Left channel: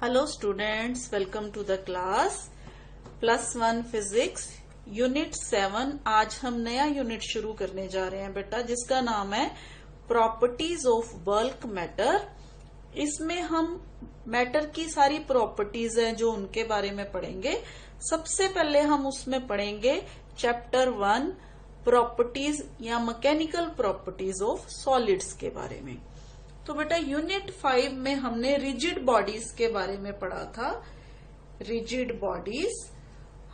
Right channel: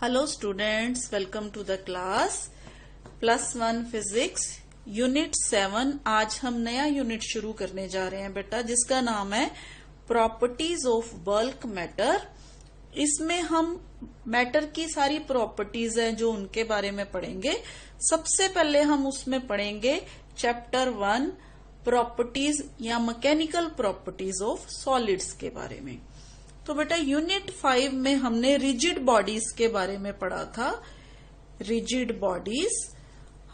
Hello students, welcome to the class +1 physics unit 7। आज हम नया यूनिट शुरू करने जा रहे हैं बेटा, जिसका नाम है प्रॉपर्टीज ऑफ बल्क मैटर। इसमें हम मैटर की सारी प्रॉपर्टीज हैं जो उनके बारे में पढ़ेंगे। सबसे पहले हम उसमें पढ़ेंगे चैप्टर 1 प्रॉपर्टीज या मैकेनिकल प्रॉपर्टीज ऑफ सॉलिड्स के बारे में। तो बेटा यूनिट 5 में हमने रिजिड बॉडीज के बारे में पढ़ा था। रिजिड बॉडीज,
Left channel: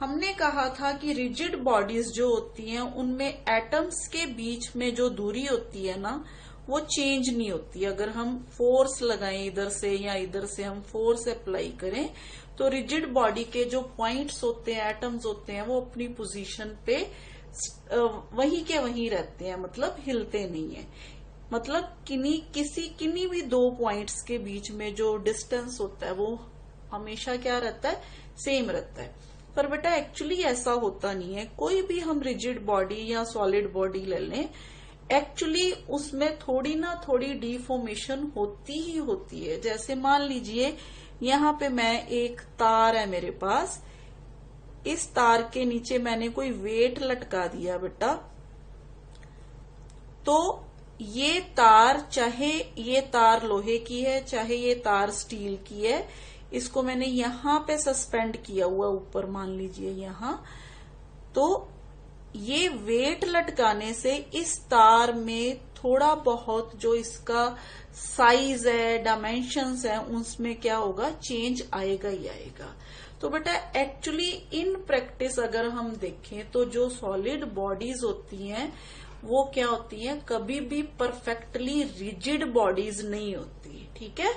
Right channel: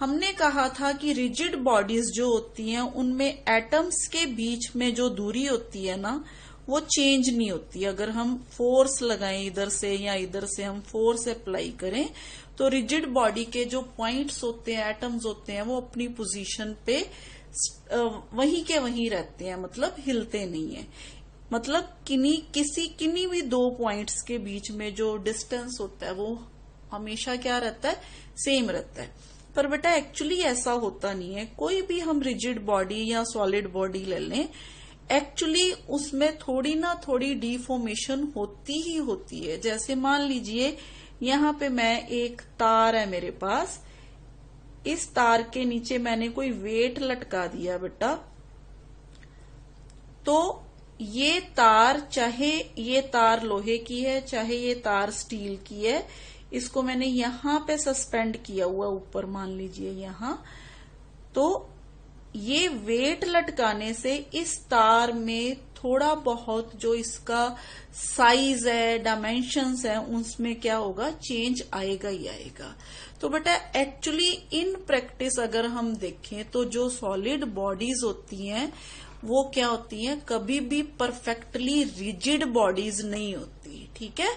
हमने कहा था कि रिजिड बॉडीज जो होती हैं उनमें एटम्स के बीच में जो दूरी होती है ना, वो चेंज नहीं होती। अगर हम फोर्स लगाएं इधर से या इधर से हम फोर्स अप्लाई करें तो रिजिड बॉडी के जो पॉइंट्स होते हैं, एटम्स होते हैं, वो अपनी पोजीशन पे वहीं के वहीं रहते हैं, मतलब हिलते नहीं है। मतलब किन्हीं भी दो पॉइंट्स के बीच में जो डिस्टेंस होता है वो हमेशा क्या रहता है, सेम रहता है। पर बेटा एक्चुअली ऐसा होता नहीं है। कोई भी हम रिजिड बॉडी या सॉलिड बॉडी ले लें, एक्चुअली उसमें थोड़ी ना थोड़ी डिफॉर्मेशन होती ही होती है। जैसे मान लीजिए यहाँ पे मैं एक तार है मेरे पास, इस तार के नीचे मैंने कोई वेट लटका दिया बेटा, तो ये तार, चाहे ये तार लोहे की है चाहे ये तार स्टील की है, इसको मैंने यहाँ पे सस्पेंड किया हुआ ऊपर, मान लीजिए यहाँ। तो ये वेट लटकाने से इस तार में थोड़ा बहुत जो इसका साइज है, डायमेंशंस है, उसमें क्या होगा, चेंज आएगा ही आएगा। तो बेटा एक्चुअली इन प्रैक्टिस अगर हम देखें तो जो सॉलिड बॉडीज होती हैं वो क्या होती है, कभी भी परफेक्टली रिजिड बॉडीज नहीं होती। ठीक है।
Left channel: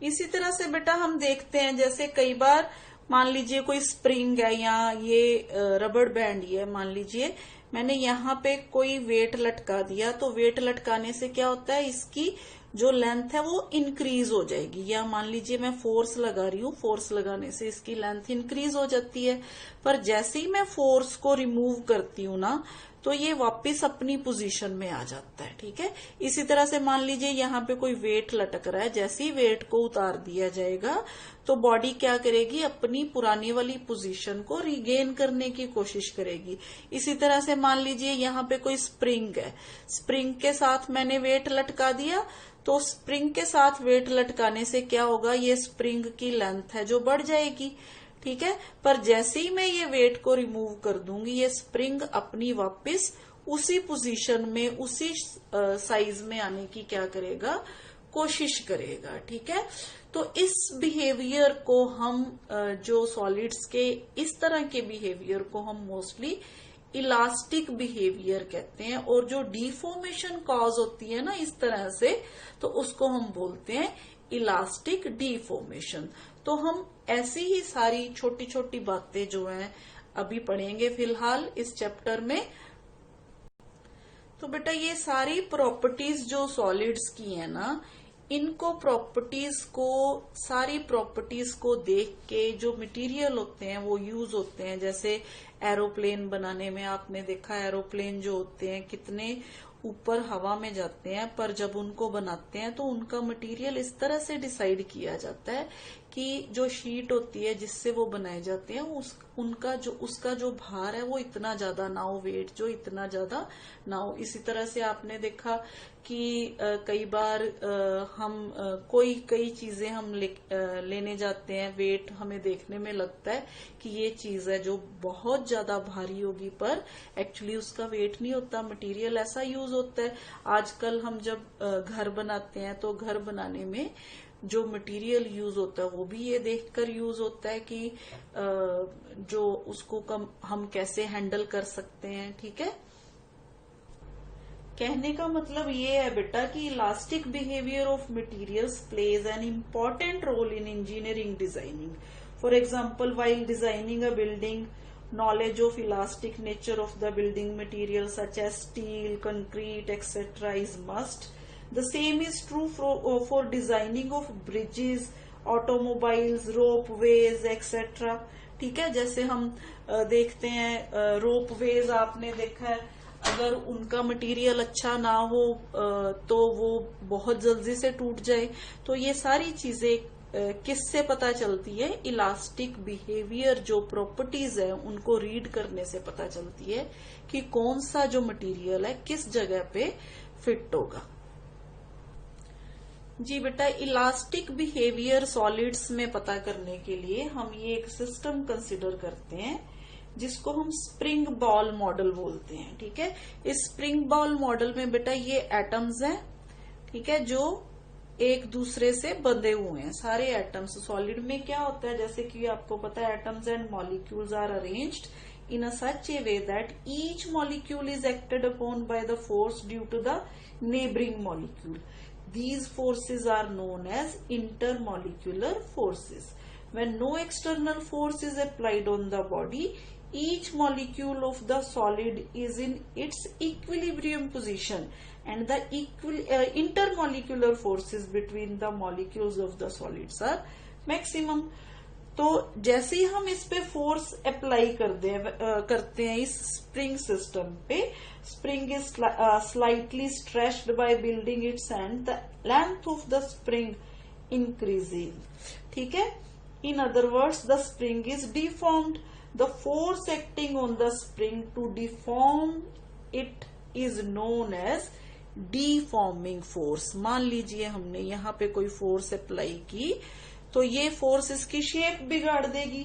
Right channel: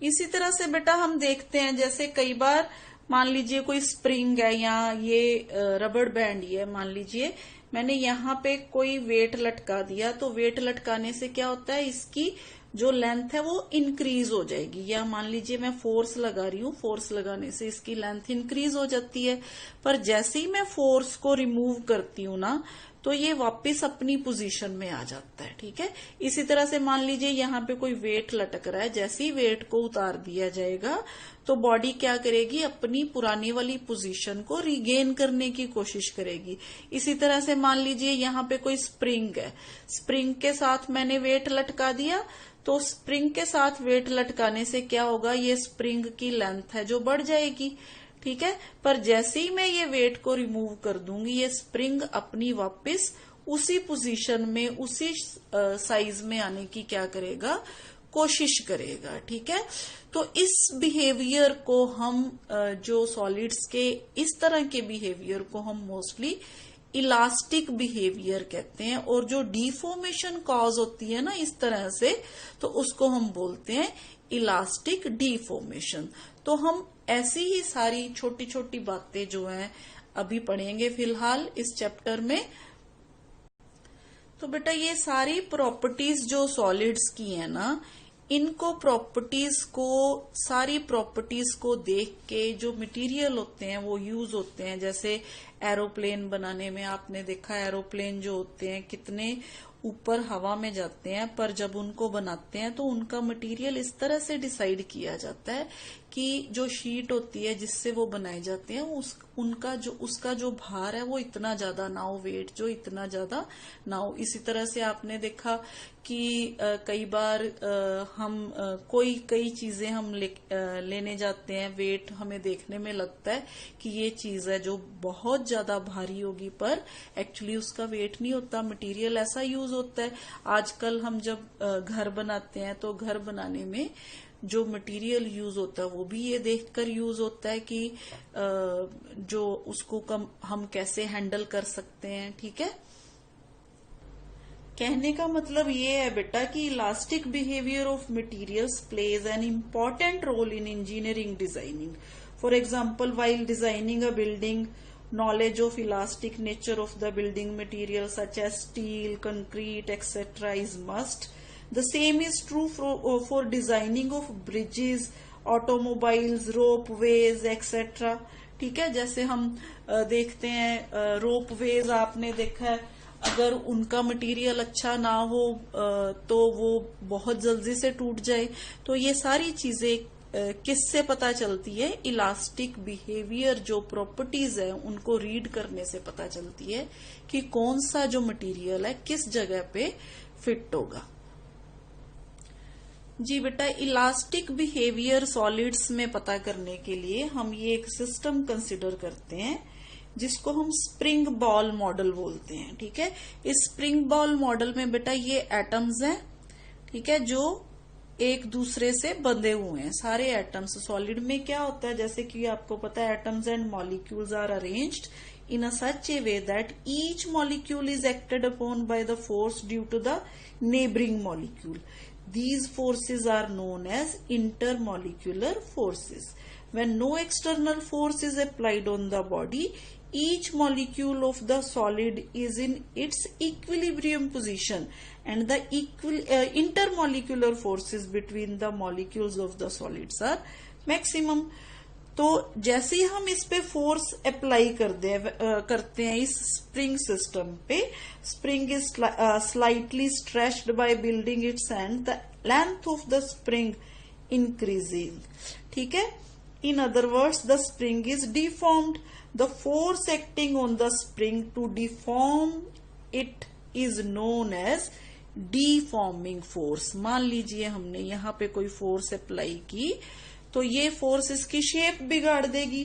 इसी तरह से बेटा हम देखते हैं, जैसे कई बार मान लीजिए कोई स्प्रिंग है या ये रबड़ बैंड ही है, मान लीजिए मैंने यहाँ पे कोई वेट लटका दिया, तो वेट लटकाने से क्या होता है, इसकी जो लेंथ है वो इंक्रीज हो जाएगी। या मान लीजिए मैं फोर्स लगा रही हूँ, फोर्स लगाने से इसकी लेंथ इंक्रीज हो जाती है। पर जैसे ही मैं फोर्स को रिमूव करती हूँ ना, तो ये वापस अपनी पोजीशन में आ जाता है। ठीक है। इसी तरह से मान लीजिए यहाँ पे कोई वेट लटक रहा है, जैसे ही वेट को उतार दिया जाएगा तो बॉडी क्या करेगी, अपनी पुरानी वाली पोजीशन को रिगेन करने की कोशिश करेगी। इसी तरह से मान लीजिए यहाँ पे कोई स्प्रिंग है, स्प्रिंग के साथ मैंने वेट लटका दिया, तो स्प्रिंग के साथ वेट लटकाने से क्या होगा, ये स्प्रिंग की लेंथ है जो बढ़ जाएगी। ठीक है। पर जैसे ही मैं ये वेट को रिमूव कर दूंगी, ये स्प्रिंग अपनी वापस उसी पोजीशन में, उसी साइज में आने की क्या करेगा, कोशिश करेगा। ठीक है। तो इस बिहेवियर को हम जो सॉलिड्स के इस तरह के बिहेवियर को हम मोस्टली इलास्टिक बिहेवियर कहते हैं। और जो डिफॉर्मेशन कॉज होती है ना इस तरह से, तो उसको हम बोलते हैं इलास्टिक डिफॉर्मेशन। तो हम ऐसी ही सारी छोटी छोटी बातें जो हैं अभी पढ़ेंगे फिलहाल इस चैप्टर में। तो बेटा ये सारी प्रॉपर्टीज जो सॉलिड्स की है ना, इनको प्रॉपर्टीज को, सारी प्रॉपर्टीज को देख के जो मटेरियल होते हैं वो यूज होते हैं। जैसे एरोप्लेन बनाने में आपने देखा, एरोप्लेन जो होते हैं कितने ऊपर हवा में जाते हैं, पर जब उनको बनाते हैं तो उनका मटेरियल इस तरह से डिसाइड किया जाता है कि जो शीट होती है जिससे वो बनाए जाते हैं उसका जो भार है वो इतना ज्यादा ना हो, वेट जो इतना ज्यादा ना हो। इसी तरह से आपने देखा कि कई बार हम कई चीजें हम लेने जाते हैं, वेट हमें देखने में लगता है कि ये चीज है जो बहुत ज्यादा भारी होगी, पर एक्चुअली उसका वेट नहीं होता, मटेरियल ऐसा यूज होता है। आजकल हम जब घर बनाते हैं तो घर बनाने में जो मटेरियल यूज होता है वो भी ये देखकर यूज होता है कि जो उसको हम कैसे हैंडल कर सकते हैं। ठीक है। कहने का मतलब ये है बेटा कि elastic behaviour of materials plays an important role in engineering designing. For example, while designing a building, knowledge of elastic nature of the building material such as steel, concrete, etc. is must. The same is true for designing of bridges, automobiles, ropeways, etc. ठीक है। जैसे हम देखते हैं ropeways, आपने देखा है अगर उनका मटेरियल अच्छा ना हो तो वो बहुत जल्दी से टूट जाए। तो ये सारी चीजें किससे पता चलती है? इलास्टिक बिहेवियर जो प्रॉपर्टीज है उनको रीड करने से पता चलती है कि कौन सा जो मटेरियल है किस जगह पे फिट होगा। जी बेटा, इलास्टिक बिहेवियर सॉलिड्स में पता करने के लिए हम ये एक सिस्टम कंसिडर करते हैं जिसको हम स्प्रिंग बॉल मॉडल बोलते हैं। ठीक है, इस स्प्रिंग बॉल मॉडल में बेटा ये एटम्स हैं, ठीक है, जो एक दूसरे से बंधे हुए हैं। सारे एटम्स सॉलिड में क्या होता है, जैसे कि आपको पता है atoms and molecules are arranged in a such a way that each molecule is acted upon by the force due to the neighboring molecule. These forces are known as intermolecular forces. When no external force is applied on the body, each molecule of the solid is in its equilibrium position and the intermolecular forces between the molecules of the solids are maximum. तो जैसे ही हम इस पे force apply करते हैं इस spring system पे, spring is slightly stretched by building its end the length of the spring increasing. ठीक है, in other words the spring is deformed. The force acting on the spring to deform it is known as deforming force. मान लीजिए हमने यहाँ पे कोई force apply की तो ये फोर्स इसकी शेप बिगाड़ देगी।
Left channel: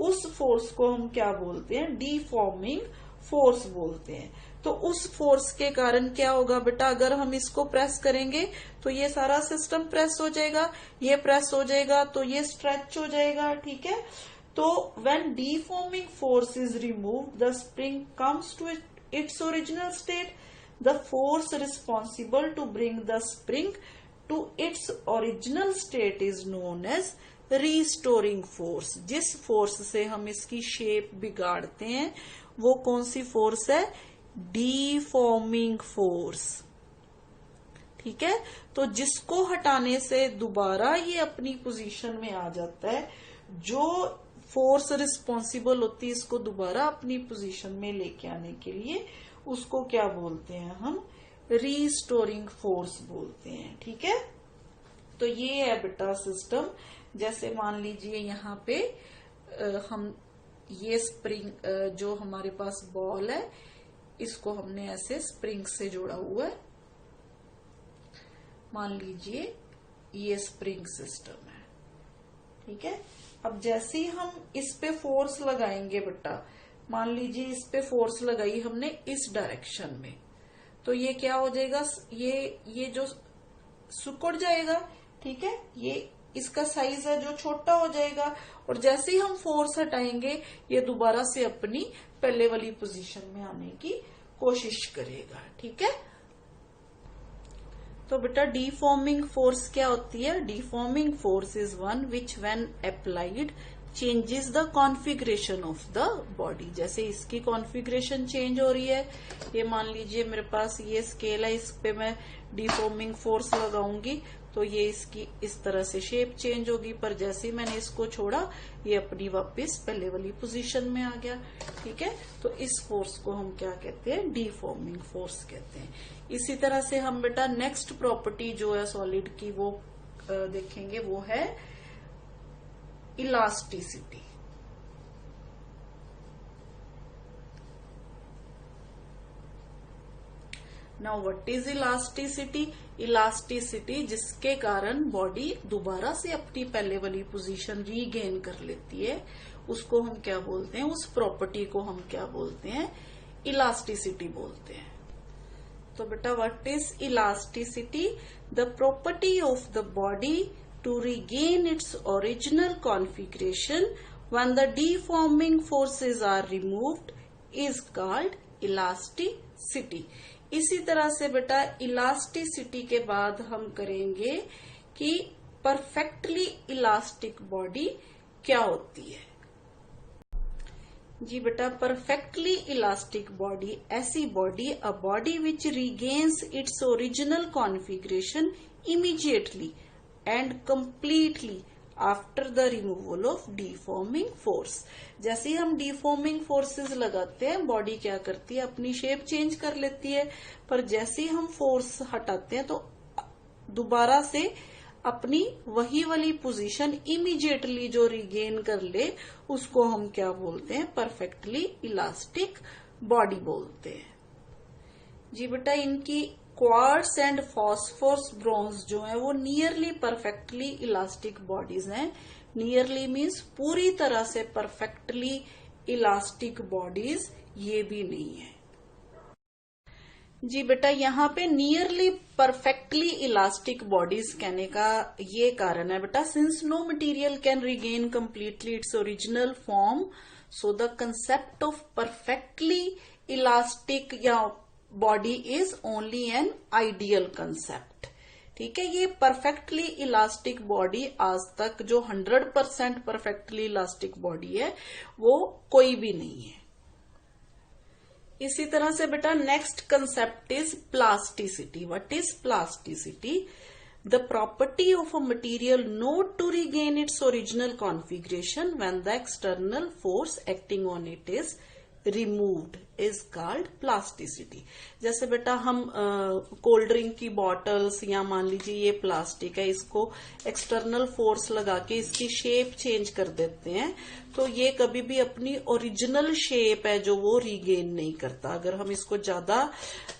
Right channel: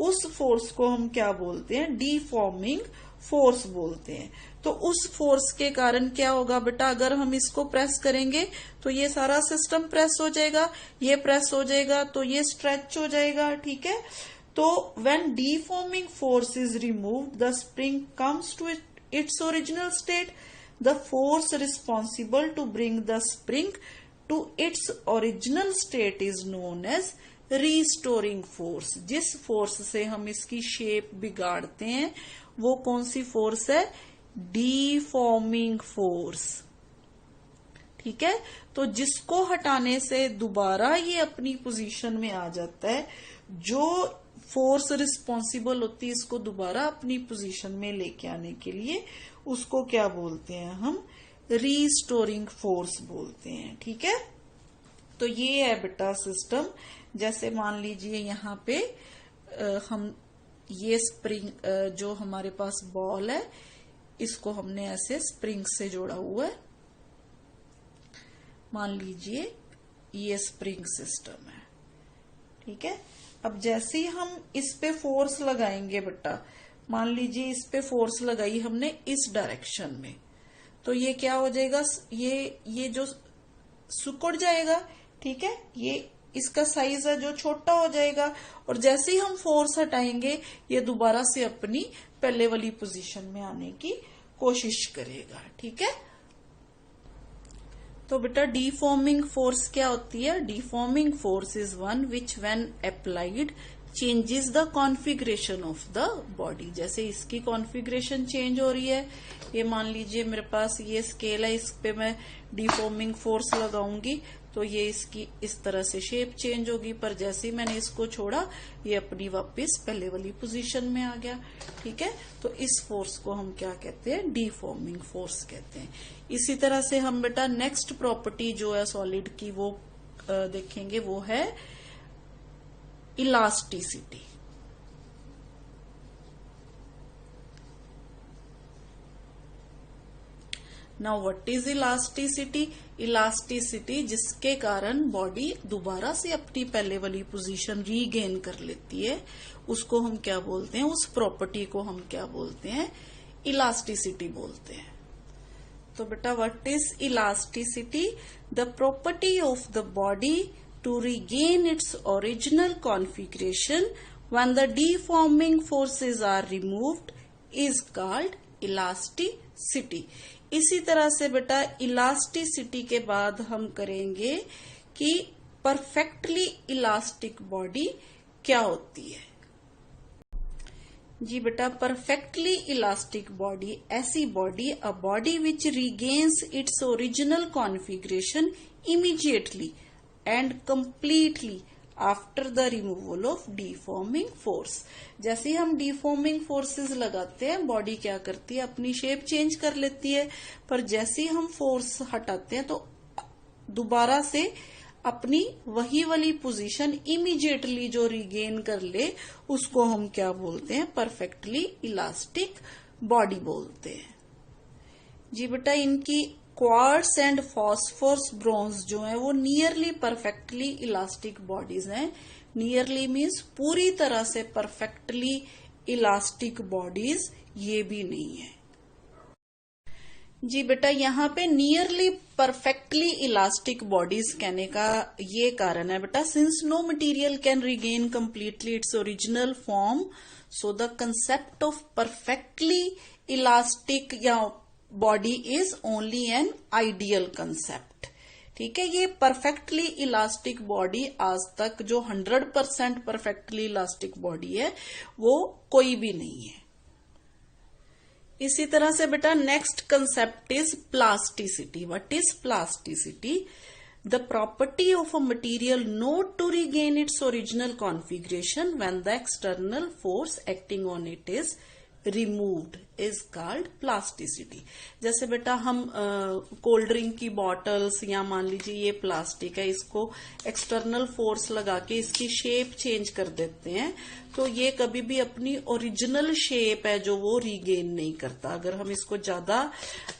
उस फोर्स को हम क्या बोलते हैं? डिफॉर्मिंग फोर्स बोलते हैं। तो उस फोर्स के कारण क्या होगा बेटा, अगर हम इसको प्रेस करेंगे तो ये सारा सिस्टम प्रेस हो जाएगा, ये प्रेस हो जाएगा तो ये स्ट्रेच हो जाएगा। ठीक है, तो when deforming force is removed the spring comes to its original state. The force responsible to bring the spring to its original state is known as restoring force। जिस फोर्स से हम इसकी शेप बिगाड़ते हैं वो कौन सी फोर्स है? Deforming force. ठीक है, तो जिसको हटाने से दोबारा ये अपनी पोजीशन में आ जाता है, जो फोर्स रिस्पॉन्सिबल होती है इसको दोबारा अपनी पोजीशन में लेके आने के लिए, उसको क्या बोलते हैं हम? रीस्टोरिंग फोर्स बोलते हैं। ठीक है, तो ये है बेटा सिस्टम। जैसे मान लीजिए यहाँ पे हम ये स्प्रिंग जो हमारे पास बॉल है इसको हमने ऐसे स्प्रिंग से जोड़ा हुआ है। मान लीजिए ये स्प्रिंग सिस्टम है। ठीक है, अब जैसे ही हम इस पे फोर्स लगाएंगे बेटा, मान लीजिए इस पे फोर्स लगाई हमने इस डायरेक्शन में, तो ये क्या हो जाएगा? ये जो सिकुड़ जाएगा। ठीक है, ये इसका साइज है जो छोटा हो जाएगा और जैसे ही हम फोर्स हटाएंगे ये दोबारा से अपनी पहले वाली पोजीशन में आने की कोशिश करेगा। ठीक है, तो बेटा डिफॉर्मिंग फोर्स क्या होती है? Deforming force is one which when applied changes the configuration of the body. जैसे इसकी कॉन्फ़िगरेशन चेंज हो रही है, ये मान लीजिए मेरे पास ये स्केल है, इस पे मैं डिफॉर्मिंग फोर्स लगाऊंगी तो ये इसकी इस तरह से शेप चेंज होगी, पर जैसे ही मैंने इसको छोड़ा ये अपनी वापस पहले वाली पोजीशन में आ गया। ठीक है, तो इस फोर्स को हम क्या कहते हैं? डिफॉर्मिंग फोर्स कहते हैं। इसी तरह से हम बेटा नेक्स्ट प्रॉपर्टी जो है सॉलिड की वो देखेंगे, वो है elasticity. Now what is elasticity? Elasticity जिसके कारण बॉडी दोबारा से अपनी पहले वाली पोजीशन रीगेन कर लेती है, उसको हम क्या बोलते हैं? उस प्रॉपर्टी को हम क्या बोलते हैं? इलास्टिसिटी बोलते हैं। तो बेटा what is elasticity? The property of the body to regain its original configuration when the deforming forces are removed is called elasticity। इसी तरह से बेटा इलास्टिसिटी के बाद हम करेंगे कि परफेक्टली इलास्टिक बॉडी क्या होती है। जी बेटा, परफेक्टली इलास्टिक बॉडी ऐसी body, a body which regains its original configuration immediately and completely after the removal of deforming force. जैसे ही हम डीफॉर्मिंग फोर्सेस लगाते हैं बॉडी क्या करती है, अपनी शेप चेंज कर लेती है, पर जैसे ही हम फोर्स हटाते हैं तो दोबारा से अपनी वही वाली पोजीशन इमीडिएटली जो रिगेन कर ले उसको हम क्या बोलते हैं, परफेक्टली इलास्टिक बॉडी बोलते हैं। जी बेटा, इनकी क्वार्ट्स एंड फॉस्फोरस ब्रॉन्ज जो है वो नियरली परफेक्टली इलास्टिक बॉडीज हैं। नियरली मीन्स पूरी तरह से परफेक्टली इलास्टिक बॉडीज ये भी नहीं है। जी बेटा, यहाँ पे नियरली परफेक्टली इलास्टिक बॉडीज कहने का ये कारण है बेटा, since no material can regain completely its original form, so the concept of perfectly elastic या body is only an ideal concept. ठीक है, ये परफेक्टली इलास्टिक बॉडी आज तक जो 100% परफेक्टली इलास्टिक बॉडी है वो कोई भी नहीं है। इसी तरह से बेटा next concept is plasticity. What is plasticity? The property of a material not to regain its original configuration when the external force acting on it is removed is called plasticity. जैसे बेटा हम कोल्ड ड्रिंक की bottles या मान लीजिए ये plastic है, इसको एक्सटर्नल फोर्स लगा के इसकी शेप चेंज कर देते हैं तो ये कभी भी अपनी ओरिजिनल शेप है जो वो रीगेन नहीं करता। अगर हम इसको ज्यादा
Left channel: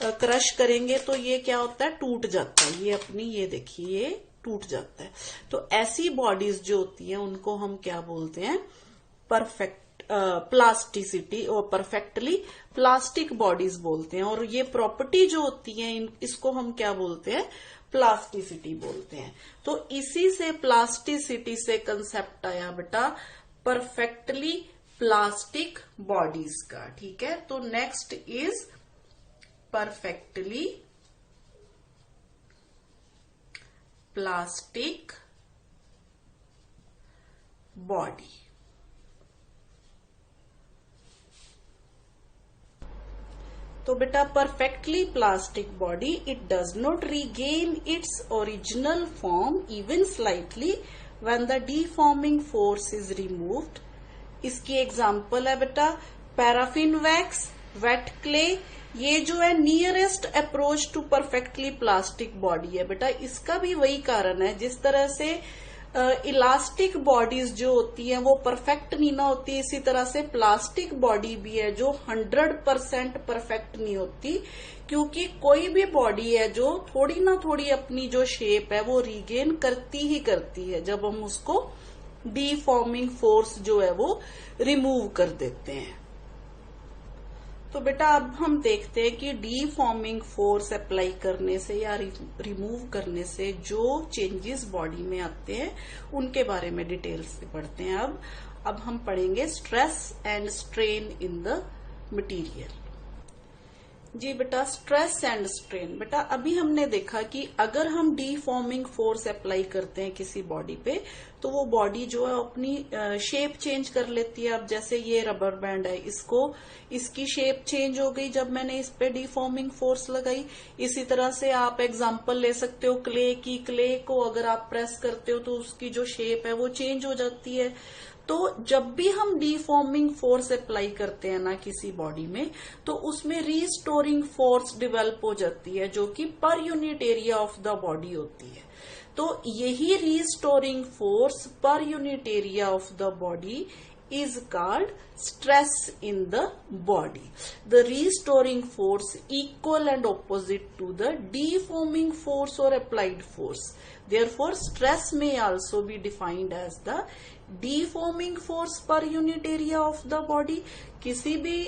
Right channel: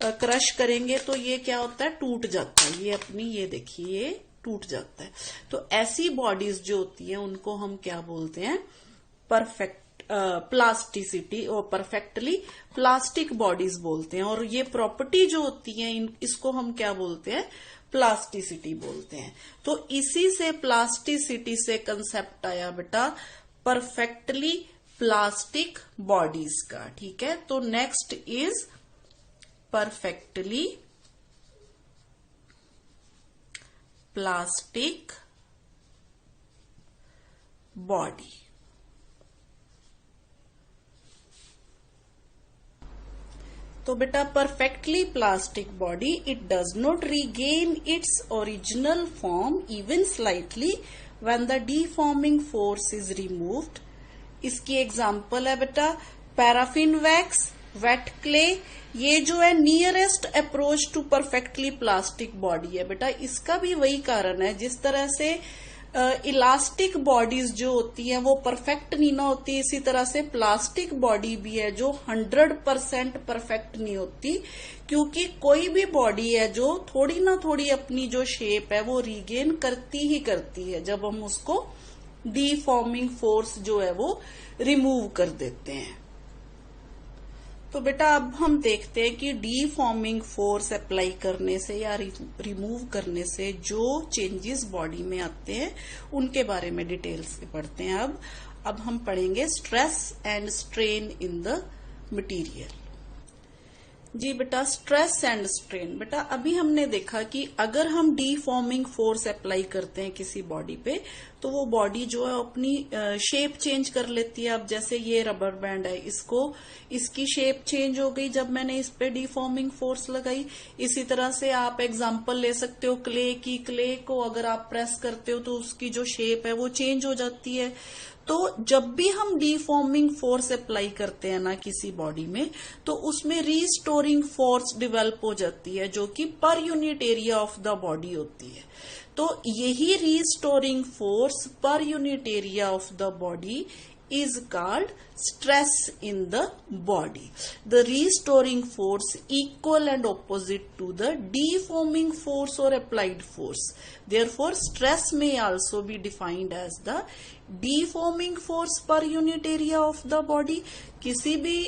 क्रश करेंगे तो ये क्या होता है, टूट जाता है। ये अपनी ये देखिए ये टूट जाता है। तो ऐसी बॉडीज जो होती हैं उनको हम क्या बोलते हैं, परफेक्ट प्लास्टिसिटी और परफेक्टली प्लास्टिक बॉडीज बोलते हैं। और ये प्रॉपर्टी जो होती है इसको हम क्या बोलते हैं, प्लास्टिसिटी बोलते हैं। तो इसी से प्लास्टिसिटी से कंसेप्ट आया बेटा परफेक्टली प्लास्टिक बॉडीज का। ठीक है, तो next is perfectly plastic body. तो बेटा perfectly plastic body, it does not regain its original form even slightly when the deforming force is removed. इसकी एग्जांपल है बेटा पैराफिन वैक्स, वेट क्ले। ये जो है nearest approach to perfectly plastic body है बेटा। इसका भी वही कारण है, जिस तरह से इलास्टिक बॉडीज जो होती हैं वो परफेक्ट नहीं ना होती, इसी तरह से प्लास्टिक बॉडी भी है जो 100% परफेक्ट नहीं होती, क्योंकि कोई भी बॉडी है जो थोड़ी ना थोड़ी अपनी जो शेप है वो रीगेन करती ही करती है जब हम उसको डीफॉर्मिंग फोर्स जो है वो रिमूव कर देते हैं। तो बेटा अब हम देखते हैं कि डीफॉर्मिंग फोर्स अप्लाई करने से या रिमूव करने से जो चेंजेस बॉडी में आते हैं उनके बारे में डिटेल्स से पढ़ते हैं। अब हम पढ़ेंगे stress and strain in the material. जी बेटा, स्ट्रेस एंड स्ट्रेन। बेटा अभी हमने देखा कि अगर हम डीफॉर्मिंग फोर्स अप्लाई करते हैं किसी बॉडी पे तो वो बॉडी जो है अपनी शेप चेंज कर लेती है। अब जैसे ये रबर बैंड है, इसकी शेप चेंज हो गई जब मैंने इस पे डीफॉर्मिंग फोर्स लगाई। इसी तरह से आप एग्जांपल ले सकते हो क्ले की। क्ले को अगर आप प्रेस करते हो तो उसकी जो शेप है वो चेंज हो जाती है। तो जब भी हम डीफॉर्मिंग फोर्स अप्लाई करते हैं ना किसी बॉडी में, तो उसमें रीस्टोरिंग फोर्स डेवलप हो जाती है जो कि पर unit area of the body होती है। तो यही restoring force per unit area of the body is called stress in the body. The restoring force equal and opposite to the deforming force or applied force. Therefore, stress may also be defined as the deforming force per unit area of the body. किसी भी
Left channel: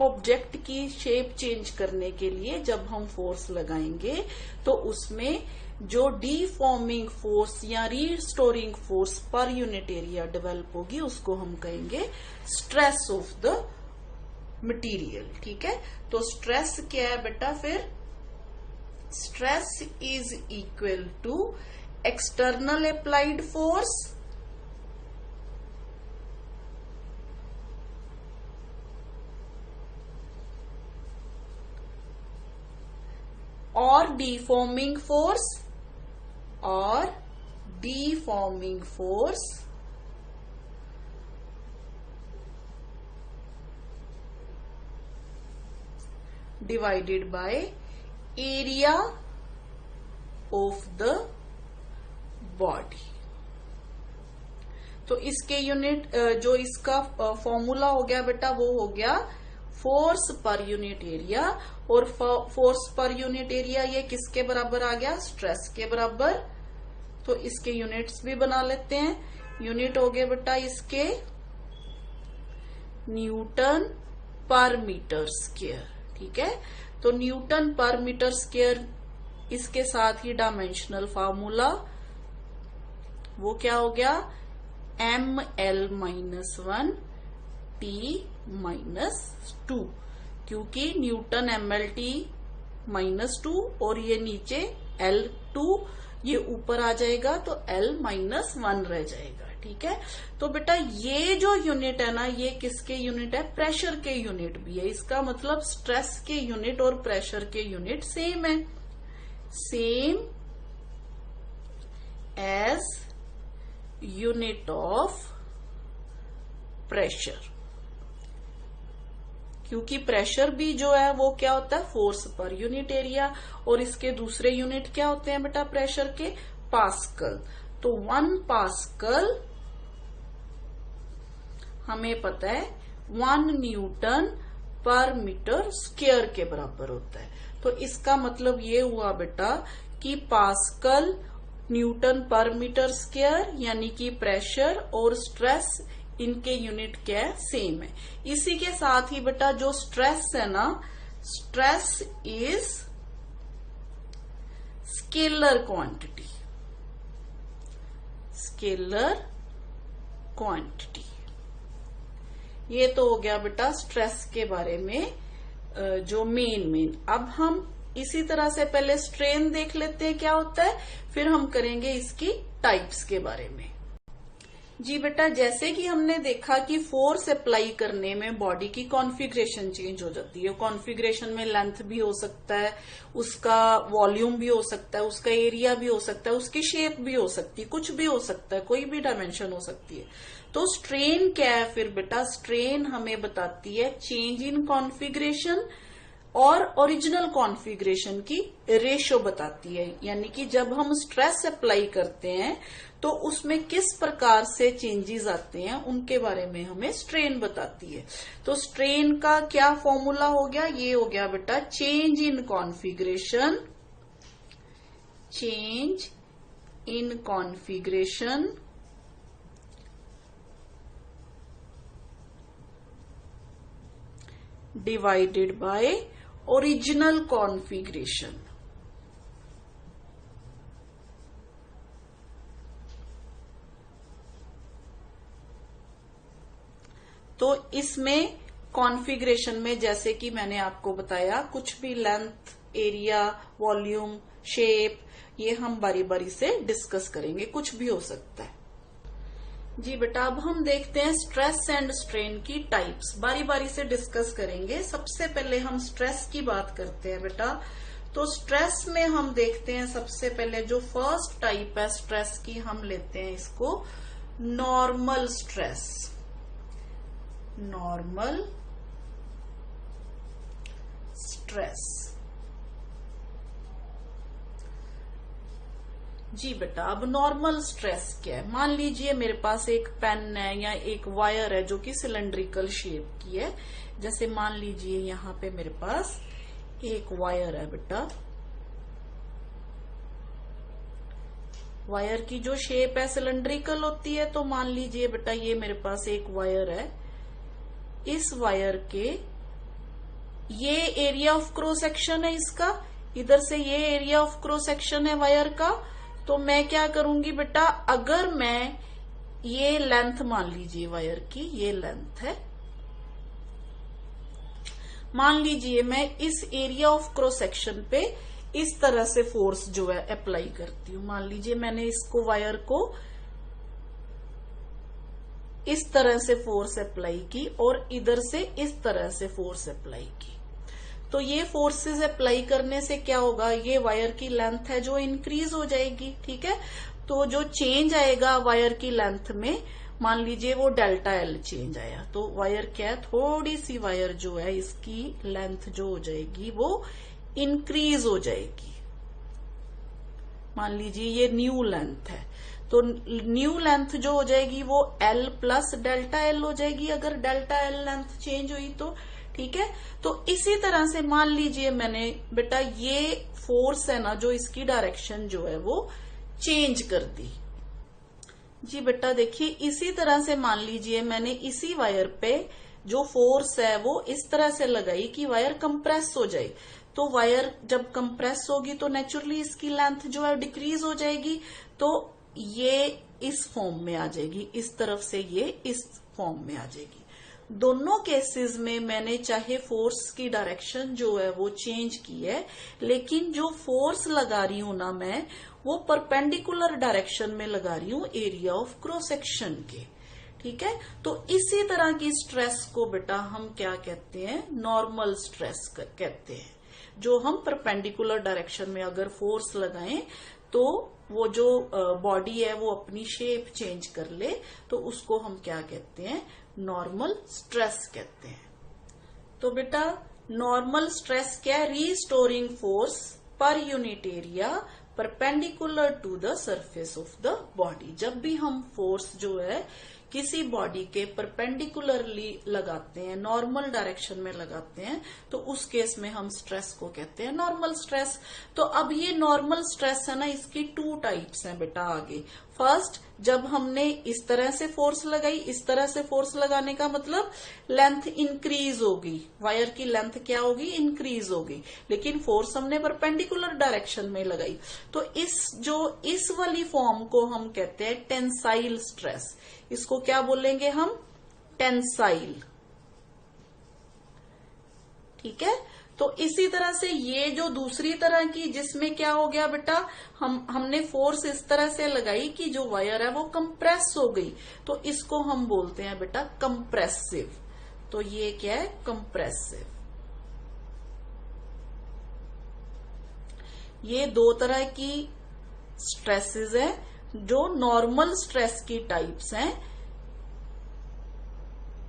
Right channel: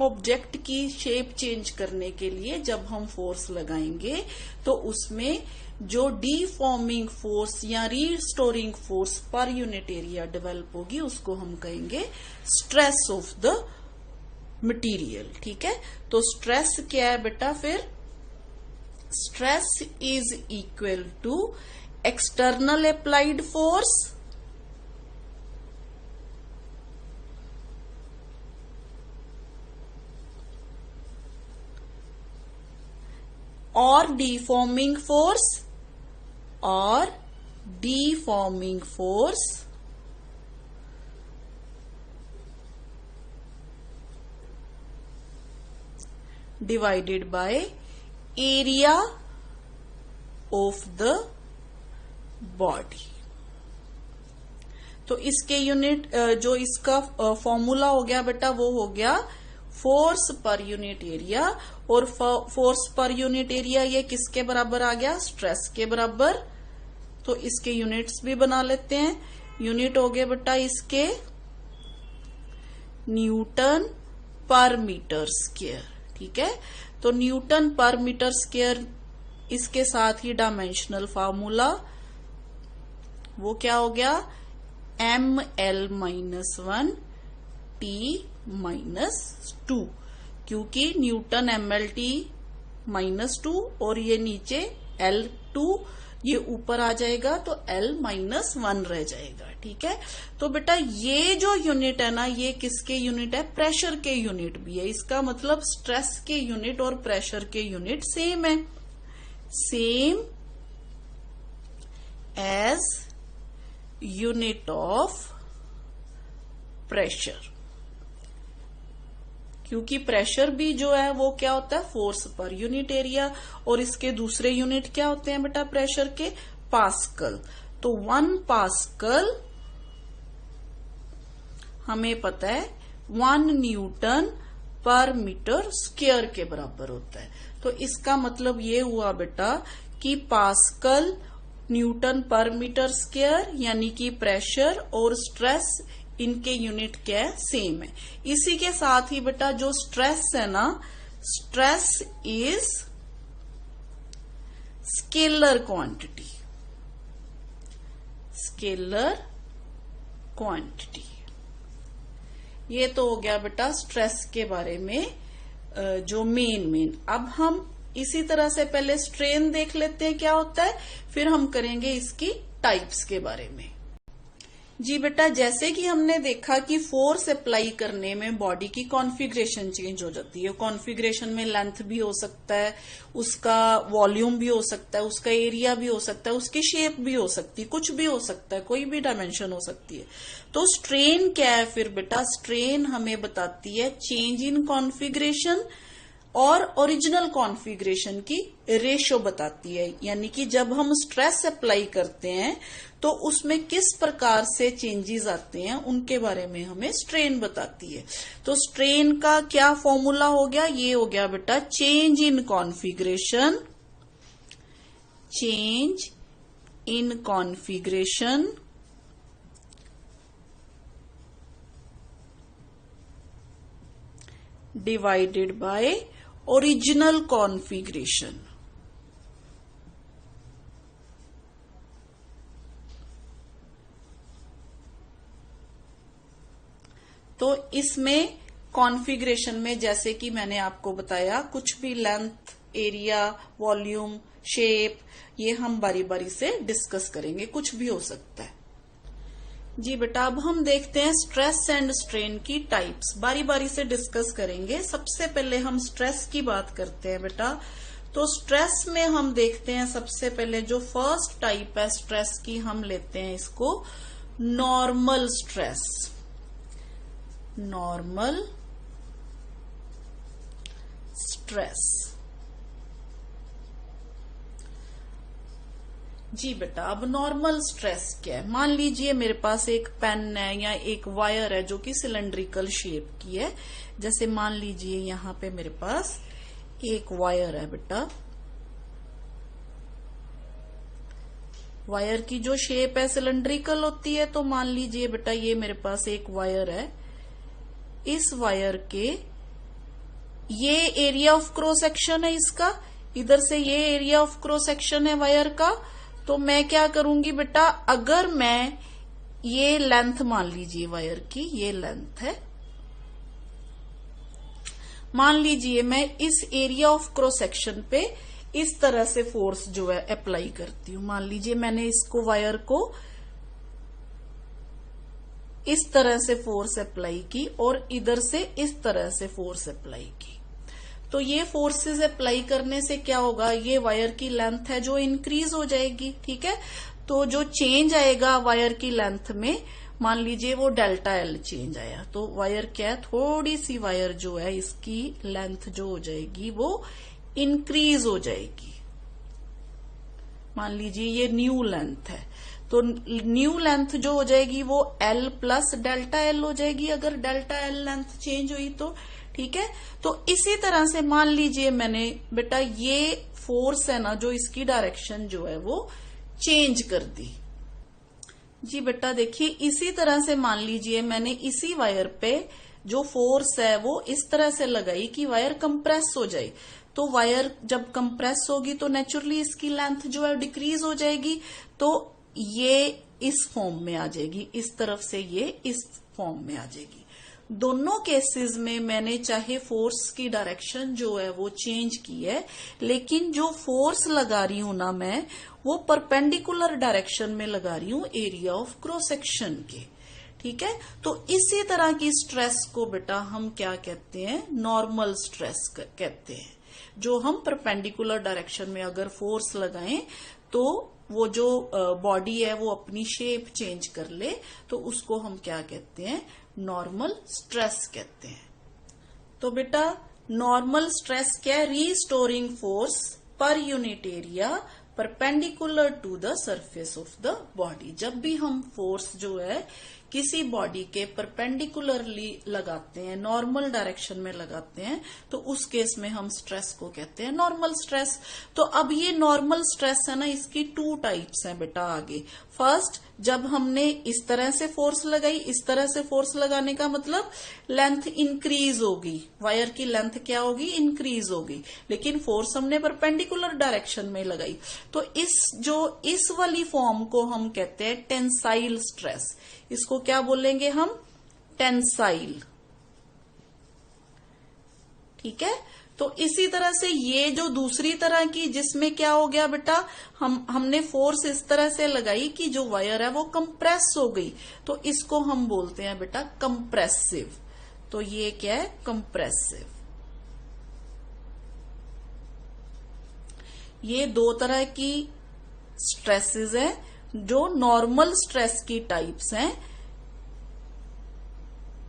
object की shape change करने के लिए जब हम force लगाएंगे तो उसमें जो डीफॉर्मिंग फोर्स या restoring force per unit area develop होगी उसको हम कहेंगे स्ट्रेस ऑफ द मटेरियल। ठीक है, तो स्ट्रेस क्या है बेटा? फिर stress is equal to external applied force और डीफॉर्मिंग फोर्स और deforming force divided by area of the body। तो इसके यूनिट जो इसका फॉर्मूला हो गया बेटा वो हो गया फोर्स पर यूनिट एरिया, और फोर्स पर यूनिट एरिया ये किसके बराबर आ गया, स्ट्रेस के बराबर। तो इसके यूनिट्स भी बना लेते हैं। यूनिट हो गए बेटा इसके न्यूटन पर मीटर स्क्वायर, ठीक है। तो न्यूटन पर मीटर स्क्वायर, इसके साथ ही डायमेंशनल फार्मूला वो क्या हो गया, ML-1 T-2, क्योंकि न्यूटन ML-T-2 और ये नीचे L2, ये ऊपर आ जाएगा तो L-1 रह जाएगा, ठीक है। तो बेटा ये जो यूनिट है ना, ये किसके यूनिट है, प्रेशर के यूनिट भी है। इसका मतलब स्ट्रेस के यूनिट और प्रेशर के यूनिट सेम है, same as unit of pressure, क्योंकि प्रेशर भी जो है वो क्या होता है, फोर्स पर यूनिट एरिया, और इसके दूसरे यूनिट क्या होते हैं बेटा प्रेशर के, पास्कल। तो 1 पास्कल हमें पता है 1 न्यूटन पर मीटर स्क्वायर के बराबर होता है। तो इसका मतलब ये हुआ बेटा कि पास्कल न्यूटन पर मीटर स्क्वायर, यानी कि प्रेशर और स्ट्रेस इनके यूनिट क्या है, सेम है। इसी के साथ ही बेटा जो स्ट्रेस है ना, stress is scalar quantity, scalar quantity. ये तो हो गया बेटा स्ट्रेस के बारे में जो मेन। अब हम इसी तरह से पहले स्ट्रेन देख लेते हैं क्या होता है, फिर हम करेंगे इसकी टाइप्स के बारे में। जी बेटा, जैसे कि हमने देखा कि फोर्स अप्लाई करने में बॉडी की कॉन्फ़िगरेशन चेंज हो जाती है। कॉन्फ़िगरेशन में लेंथ भी हो सकता है, उसका वॉल्यूम भी हो सकता है, उसका एरिया भी हो सकता है, उसकी शेप भी हो सकती है, कुछ भी हो सकता है, कोई भी डायमेंशन हो सकती है। तो स्ट्रेन क्या है फिर बेटा, स्ट्रेन हमें बताती है चेंज इन कॉन्फ़िगरेशन और ओरिजिनल कॉन्फ़िगरेशन की रेशो बताती है। यानी कि जब हम स्ट्रेस अप्लाई करते हैं तो उसमें किस प्रकार से चेंजेस आते हैं उनके बारे में हमें स्ट्रेन बताती है। तो स्ट्रेन का क्या फॉर्मूला हो गया, ये हो गया बेटा change in configuration, change in configuration divided by original configuration. तो इसमें कॉन्फ़िगरेशन में जैसे कि मैंने आपको बताया, कुछ भी लेंथ, एरिया, वॉल्यूम, शेप, ये हम बारी बारी से डिस्कस करेंगे, कुछ भी हो सकता है। जी बेटा, अब हम देखते हैं स्ट्रेस एंड स्ट्रेन की टाइप्स, बारी बारी से डिस्कस करेंगे। सबसे पहले हम स्ट्रेस की बात करते हैं बेटा। तो स्ट्रेस में हम देखते हैं सबसे पहले जो फर्स्ट टाइप है स्ट्रेस की, हम लेते हैं इसको नॉर्मल स्ट्रेस। Normal stress. जी बेटा, अब नॉर्मल स्ट्रेस क्या है। मान लीजिए मेरे पास एक पेन है या एक वायर है जो कि सिलेंड्रिकल शेप की है। जैसे मान लीजिए यहाँ पे मेरे पास एक वायर है बेटा, वायर की जो शेप है सिलेंड्रिकल होती है। तो मान लीजिए बेटा ये मेरे पास एक वायर है, इस वायर के ये एरिया ऑफ क्रॉस सेक्शन है इसका, इधर से ये एरिया ऑफ क्रॉस सेक्शन है वायर का। तो मैं क्या करूंगी बेटा, अगर मैं ये लेंथ मान लीजिए वायर की, ये लेंथ है, मान लीजिए मैं इस एरिया ऑफ क्रॉस सेक्शन पे इस तरह से फोर्स जो है अप्लाई करती हूं। मान लीजिए मैंने इसको वायर को इस तरह से फोर्स अप्लाई की और इधर से इस तरह से फोर्स अप्लाई की। तो ये फोर्सेस अप्लाई करने से क्या होगा, ये वायर की लेंथ है जो इंक्रीज हो जाएगी, ठीक है। तो तो जो चेंज आएगा वायर की लेंथ में, मान लीजिए वो डेल्टा एल चेंज आया, तो वायर क्या है, थोड़ी सी वायर जो है इसकी लेंथ जो हो जाएगी वो इंक्रीज हो जाएगी। मान लीजिए ये न्यू लेंथ है, तो न्यू लेंथ जो हो जाएगी वो एल प्लस डेल्टा एल हो जाएगी, अगर डेल्टा एल लेंथ चेंज हुई तो। ठीक है, तो इसी तरह से मान लीजिए मैंने बेटा ये फोर्स है ना, जो इसकी डायरेक्शन जो है वो चेंज कर दी। जी बेटा देखिए, इसी तरह से मान लीजिए मैंने इसी वायर पे जो फोर्स है वो इस तरह से लगाई कि वायर कंप्रेस हो जाए। तो वायर जब कंप्रेस होगी तो नेचुरली इसकी लेंथ जो है डिक्रीज हो जाएगी, तो ये इस फॉर्म में आ जाएगी, इस तरफ से ये इस फॉर्म में आ जाएगी। दोनों केसेस में मैंने चाहे फोर्स की डायरेक्शन जो है वो चेंज की है, लेकिन जो फोर्स लगा रही हूं ना मैं, वो परपेंडिकुलर डायरेक्शन में लगा रही हूं एरिया ऑफ क्रॉस सेक्शन के। ठीक है, तो इसी तरह की स्ट्रेस को बेटा हम क्या कहते हैं, नॉर्मल स्ट्रेस कहते हैं। जो हम परपेंडिकुलर डायरेक्शन में अगर फोर्स लगाएं तो वो जो बॉडी है वो अपनी शेप चेंज कर ले, तो उसको हम क्या कहते हैं, नॉर्मल स्ट्रेस कहते हैं। तो बेटा नॉर्मल स्ट्रेस क्या है, restoring force per unit area perpendicular to the surface of the body. जब भी हम फोर्स जो है किसी बॉडी के परपेंडिकुलरली लगाते हैं, नॉर्मल डायरेक्शन में लगाते हैं, तो उस केस में हम स्ट्रेस को कहते हैं नॉर्मल स्ट्रेस। तो अब ये नॉर्मल स्ट्रेस है ना, इसकी 2 टाइप्स हैं बेटा आगे। फर्स्ट, जब हमने इस तरह से फोर्स लगाई, इस तरह से फोर्स लगाने का मतलब लेंथ इंक्रीज होगी, वायर की लेंथ क्या होगी, इंक्रीज होगी, लेकिन फोर्स हमने परपेंडिकुलर डायरेक्शन में लगाई। तो इस वाली फॉर्म को हम कहते हैं टेंसाइल स्ट्रेस। इसको क्या बोलेंगे हम, टेंसाइल। ठीक है, तो इसी तरह से ये जो दूसरी तरह की, जिसमें क्या हो गया बेटा, हमने फोर्स इस तरह से लगाई कि जो वायर है वो कंप्रेस हो गई, तो इसको हम बोलते हैं बेटा कंप्रेसिव। तो ये क्या है, कंप्रेसिव। ये 2 तरह की स्ट्रेसेस है जो नॉर्मल स्ट्रेस की टाइप्स हैं।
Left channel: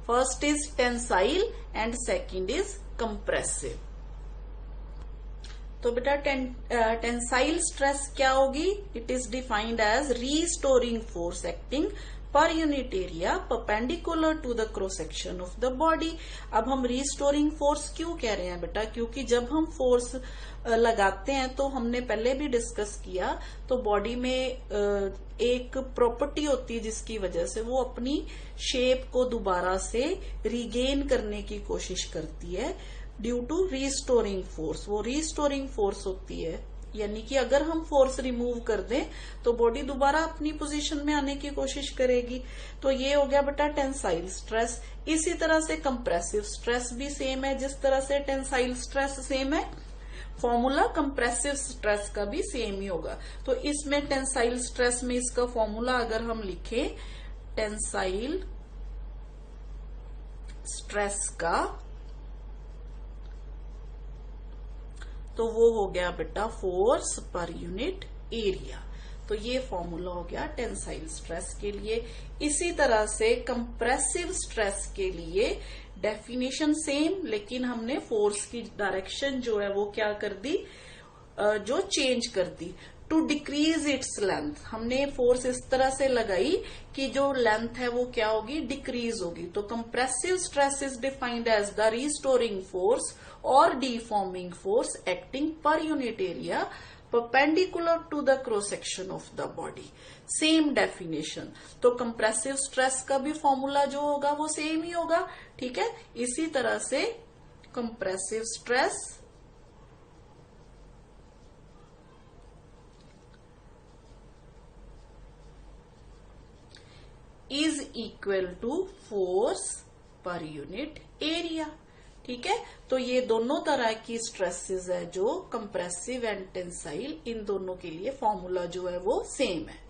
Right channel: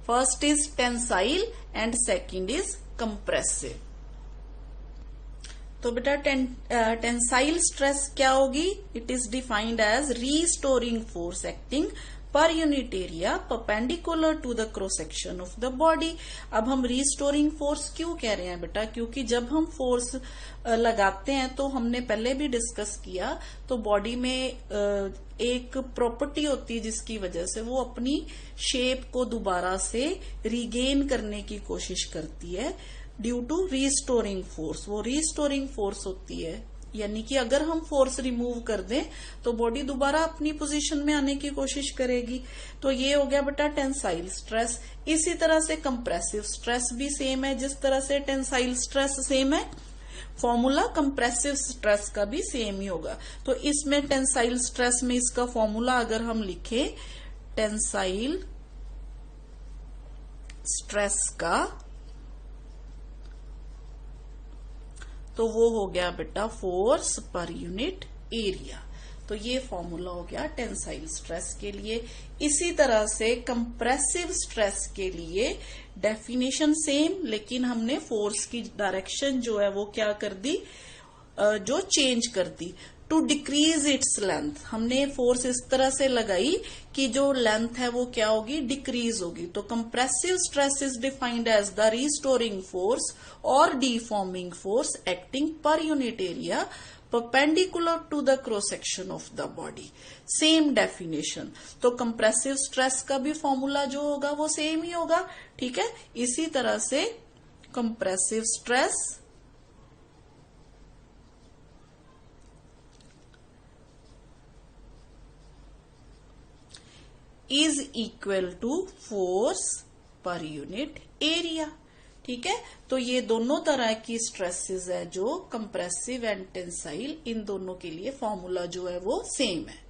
First is tensile and second is compressive. तो बेटा टेंसाइल स्ट्रेस क्या होगी, it is defined as restoring force acting per unit area perpendicular to the cross section of the body. अब हम रीस्टोरिंग फोर्स क्यों कह रहे हैं बेटा, क्योंकि जब हम फोर्स लगाते हैं तो हमने पहले भी डिस्कस किया, तो बॉडी में एक प्रॉपर्टी होती है जिसकी वजह से वो अपनी शेप को दोबारा से रिगेन करने की कोशिश करती है ड्यू टू रीस्टोरिंग फोर्स। वो रीस्टोरिंग फोर्स होती है, यानी कि अगर हम फोर्स रिमूव कर दें तो बॉडी दोबारा अपनी पोजीशन में आने की कोशिश करेगी। तो ये हो गया बेटा टेंसाइल स्ट्रेस। इसी तरह से कंप्रेसिव स्ट्रेस भी सेम है, जिस तरह से टेंसाइल स्ट्रेस सेम है, फॉर्मूला कंप्रेसिव स्ट्रेस का भी सेम ही होगा। तो इसमें टेंसाइल स्ट्रेस में इसका फॉर्मूला अगर हम लिखें टेंसाइल स्ट्रेस का, तो वो हो गया बेटा फोर्स पर यूनिट एरिया। तो ये फॉर्मूला हो गया टेंसाइल स्ट्रेस के लिए। इसी तरह से कंप्रेसिव स्ट्रेस के लिए डेफिनेशन सेम, लेकिन हमने फोर्स की डायरेक्शन जो है वो क्या कर दी, जो चेंज कर दी। टू डिक्रीज इट्स लेंथ, हमने फोर्स इस तरह से लगाई कि जो लेंथ है वो क्या होगी, डिक्रीज होगी। तो compressive stress is defined as the restoring force और deforming force acting per unit area perpendicular to the cross section of the body. Same definition. तो कंप्रेसिव स्ट्रेस का भी फॉर्मूला जो होगा वो सेम ही होगा। ठीक है, इसी तरह से compressive stress is equal to force per unit area. ठीक है, तो ये दोनों तरह की स्ट्रेसेस है जो कंप्रेसिव एंड टेंसाइल, इन दोनों के लिए फॉर्मूला जो है वो सेम है।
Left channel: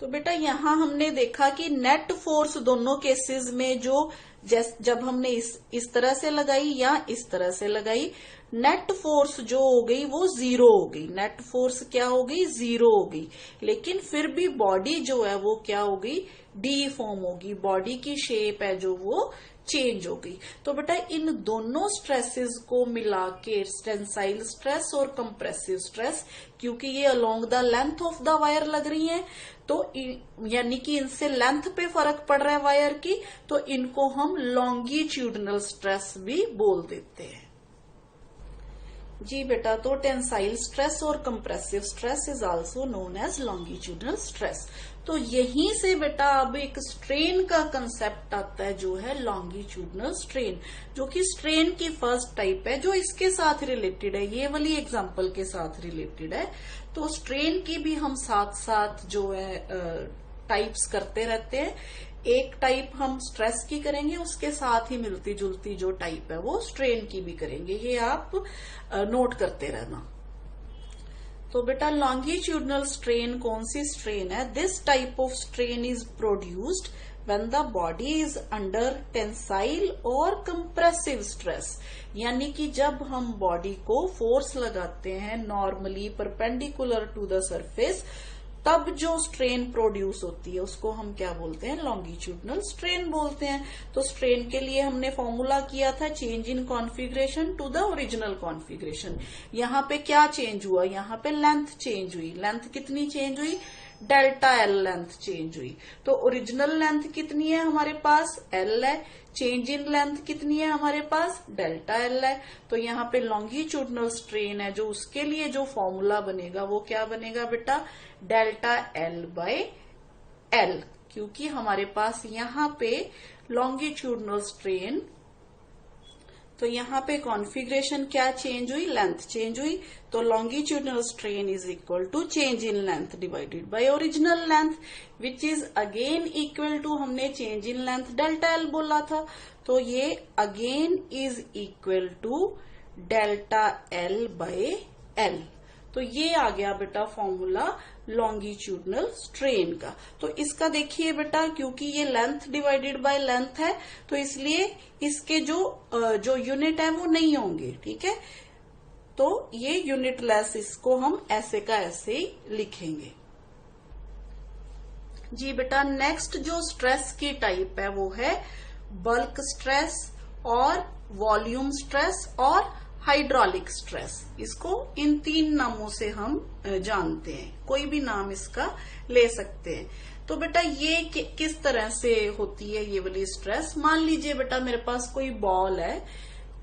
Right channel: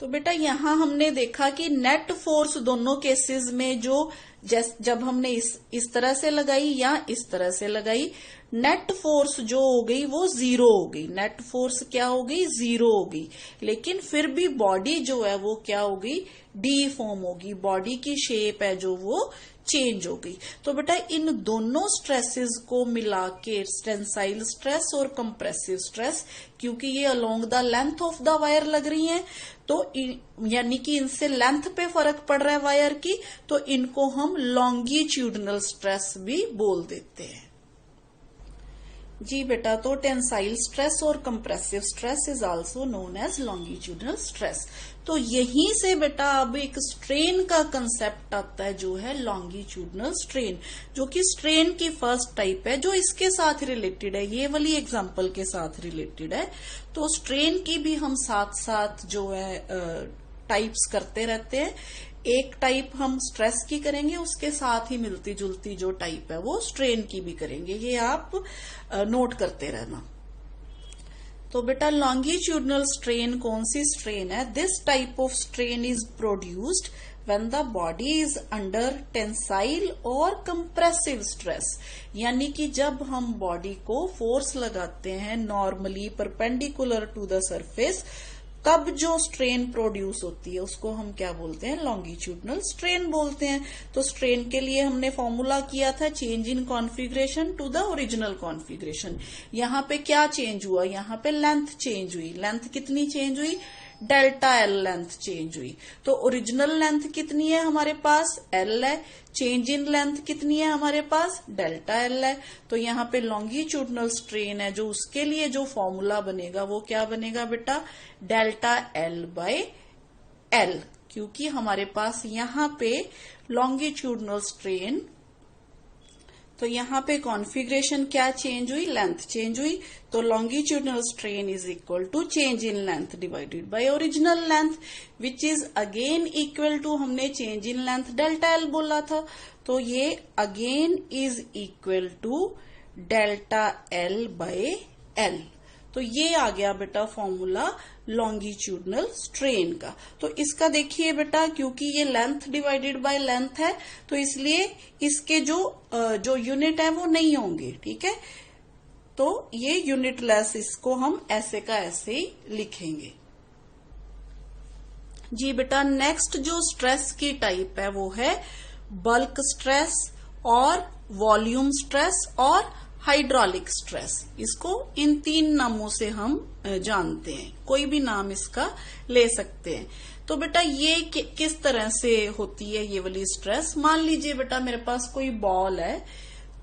तो बेटा यहां हमने देखा कि नेट फोर्स दोनों केसेस में जो जब हमने इस तरह से लगाई या इस तरह से लगाई, नेट फोर्स जो हो गई वो 0 हो गई, नेट फोर्स क्या हो गई, 0 हो गई। लेकिन फिर भी बॉडी जो है वो क्या हो गई, डीफॉर्म होगी, बॉडी की शेप है जो वो चेंज हो गई। तो बेटा इन दोनों स्ट्रेसेस को मिला के टेंसाइल स्ट्रेस और कंप्रेसिव स्ट्रेस, क्योंकि ये along the length of the wire लग रही हैं, तो यानी कि इनसे लेंथ पे फर्क पड़ रहा है वायर की, तो इनको हम लॉन्गिट्यूडनल स्ट्रेस भी बोल देते हैं। जी बेटा, तो टेंसाइल स्ट्रेस और compressive stress is also known as longitudinal stress. तो यहीं से बेटा अब एक स्ट्रेन का कंसेप्ट आता है जो है लॉन्गिट्यूडनल स्ट्रेन, जो कि स्ट्रेन की फर्स्ट टाइप है जो इसके साथ रिलेटेड है, ये वाली एग्जांपल के साथ रिलेटेड है। तो स्ट्रेन की भी हम साथ साथ जो है टाइप्स करते रहते हैं। एक टाइप हम स्ट्रेस की करेंगे, उसके साथ ही मिलती जुलती जो टाइप है वो स्ट्रेन की भी करेंगे, ये आप नोट करते रहना। तो बेटा लॉन्गिट्यूडनल स्ट्रेन कौन सी स्ट्रेन है, this type of strain is produced when the body is under tensile और compressive stress, यानी कि जब हम बॉडी को फोर्स लगाते हैं normally perpendicular to the surface, तब जो स्ट्रेन प्रोड्यूस होती है उसको हम क्या बोलते हैं, लॉन्गिट्यूडनल स्ट्रेन बोलते हैं। तो स्ट्रेन के लिए हमने फॉर्मूला किया था change in configuration to the original configuration. यहाँ पे क्या चेंज हुआ, यहाँ पे लेंथ चेंज हुई, लेंथ कितनी चेंज हुई, डेल्टा एल लेंथ चेंज हुई। तो ओरिजिनल लेंथ कितनी है हमारे पास, एल है, चेंज इन लेंथ कितनी है हमारे पास, डेल्टा एल है। तो यहाँ पे लॉन्गिट्यूडनल स्ट्रेन है जो उसके लिए जो फॉर्मूला बनेगा वो क्या बनेगा बेटा, डेल्टा एल बाय एल, क्योंकि हमारे पास यहाँ पे लॉन्गिट्यूडनल स्ट्रेन, तो यहाँ पे कॉन्फ़िगरेशन क्या चेंज हुई, लेंथ चेंज हुई। तो longitudinal strain is equal to change in length divided by original length, which is again equal to, हमने change in length delta L बोला था, तो ये again is equal to delta L by L. तो ये आ गया बेटा फॉर्मूला लॉन्गिट्यूडनल स्ट्रेन का। तो इसका देखिए बेटा, क्योंकि ये लेंथ डिवाइडेड बाय लेंथ है तो इसलिए इसके जो यूनिट है वो नहीं होंगे, ठीक है। तो ये यूनिट लेस, इसको हम ऐसे का ऐसे ही लिखेंगे। जी बेटा, नेक्स्ट जो स्ट्रेस की टाइप है वो है बल्क स्ट्रेस और वॉल्यूम स्ट्रेस और हाइड्रोलिक स्ट्रेस। इसको इन 3 नामों से हम जानते हैं, कोई भी नाम इसका ले सकते हैं। तो बेटा ये किस तरह से होती है ये वाली स्ट्रेस, मान लीजिए बेटा मेरे पास कोई बॉल है,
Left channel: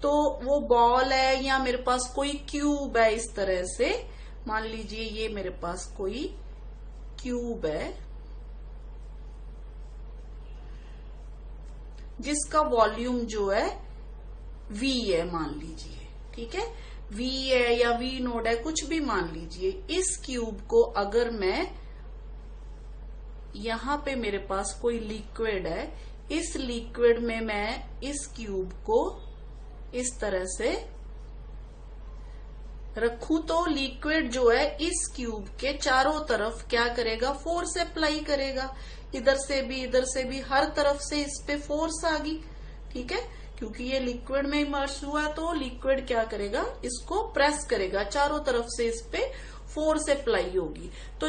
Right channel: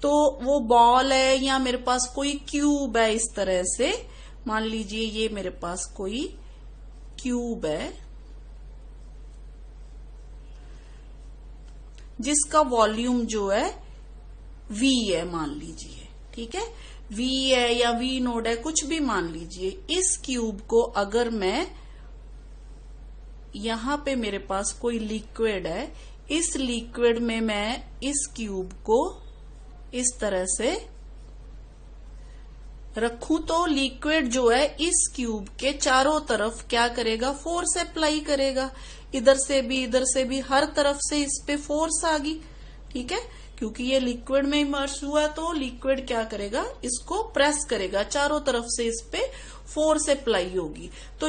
तो वो बॉल है या मेरे पास कोई क्यूब है, इस तरह से मान लीजिए ये मेरे पास कोई क्यूब है जिसका वॉल्यूम जो है V है, मान लीजिए, ठीक है, V है या V नोड है, कुछ भी मान लीजिए। इस क्यूब को अगर मैं, यहां पे मेरे पास कोई लिक्विड है, इस लिक्विड में मैं इस क्यूब को इस तरह से रखूं तो लिक्विड जो है इस क्यूब के चारों तरफ क्या करेगा, फोर्स अप्लाई करेगा, इधर से भी हर तरफ से इस पे फोर्स आ गई, ठीक है, क्योंकि ये लिक्विड में इमर्स हुआ तो लिक्विड क्या करेगा, इसको प्रेस करेगा, चारों तरफ से इस पे फोर्स अप्लाई होगी। तो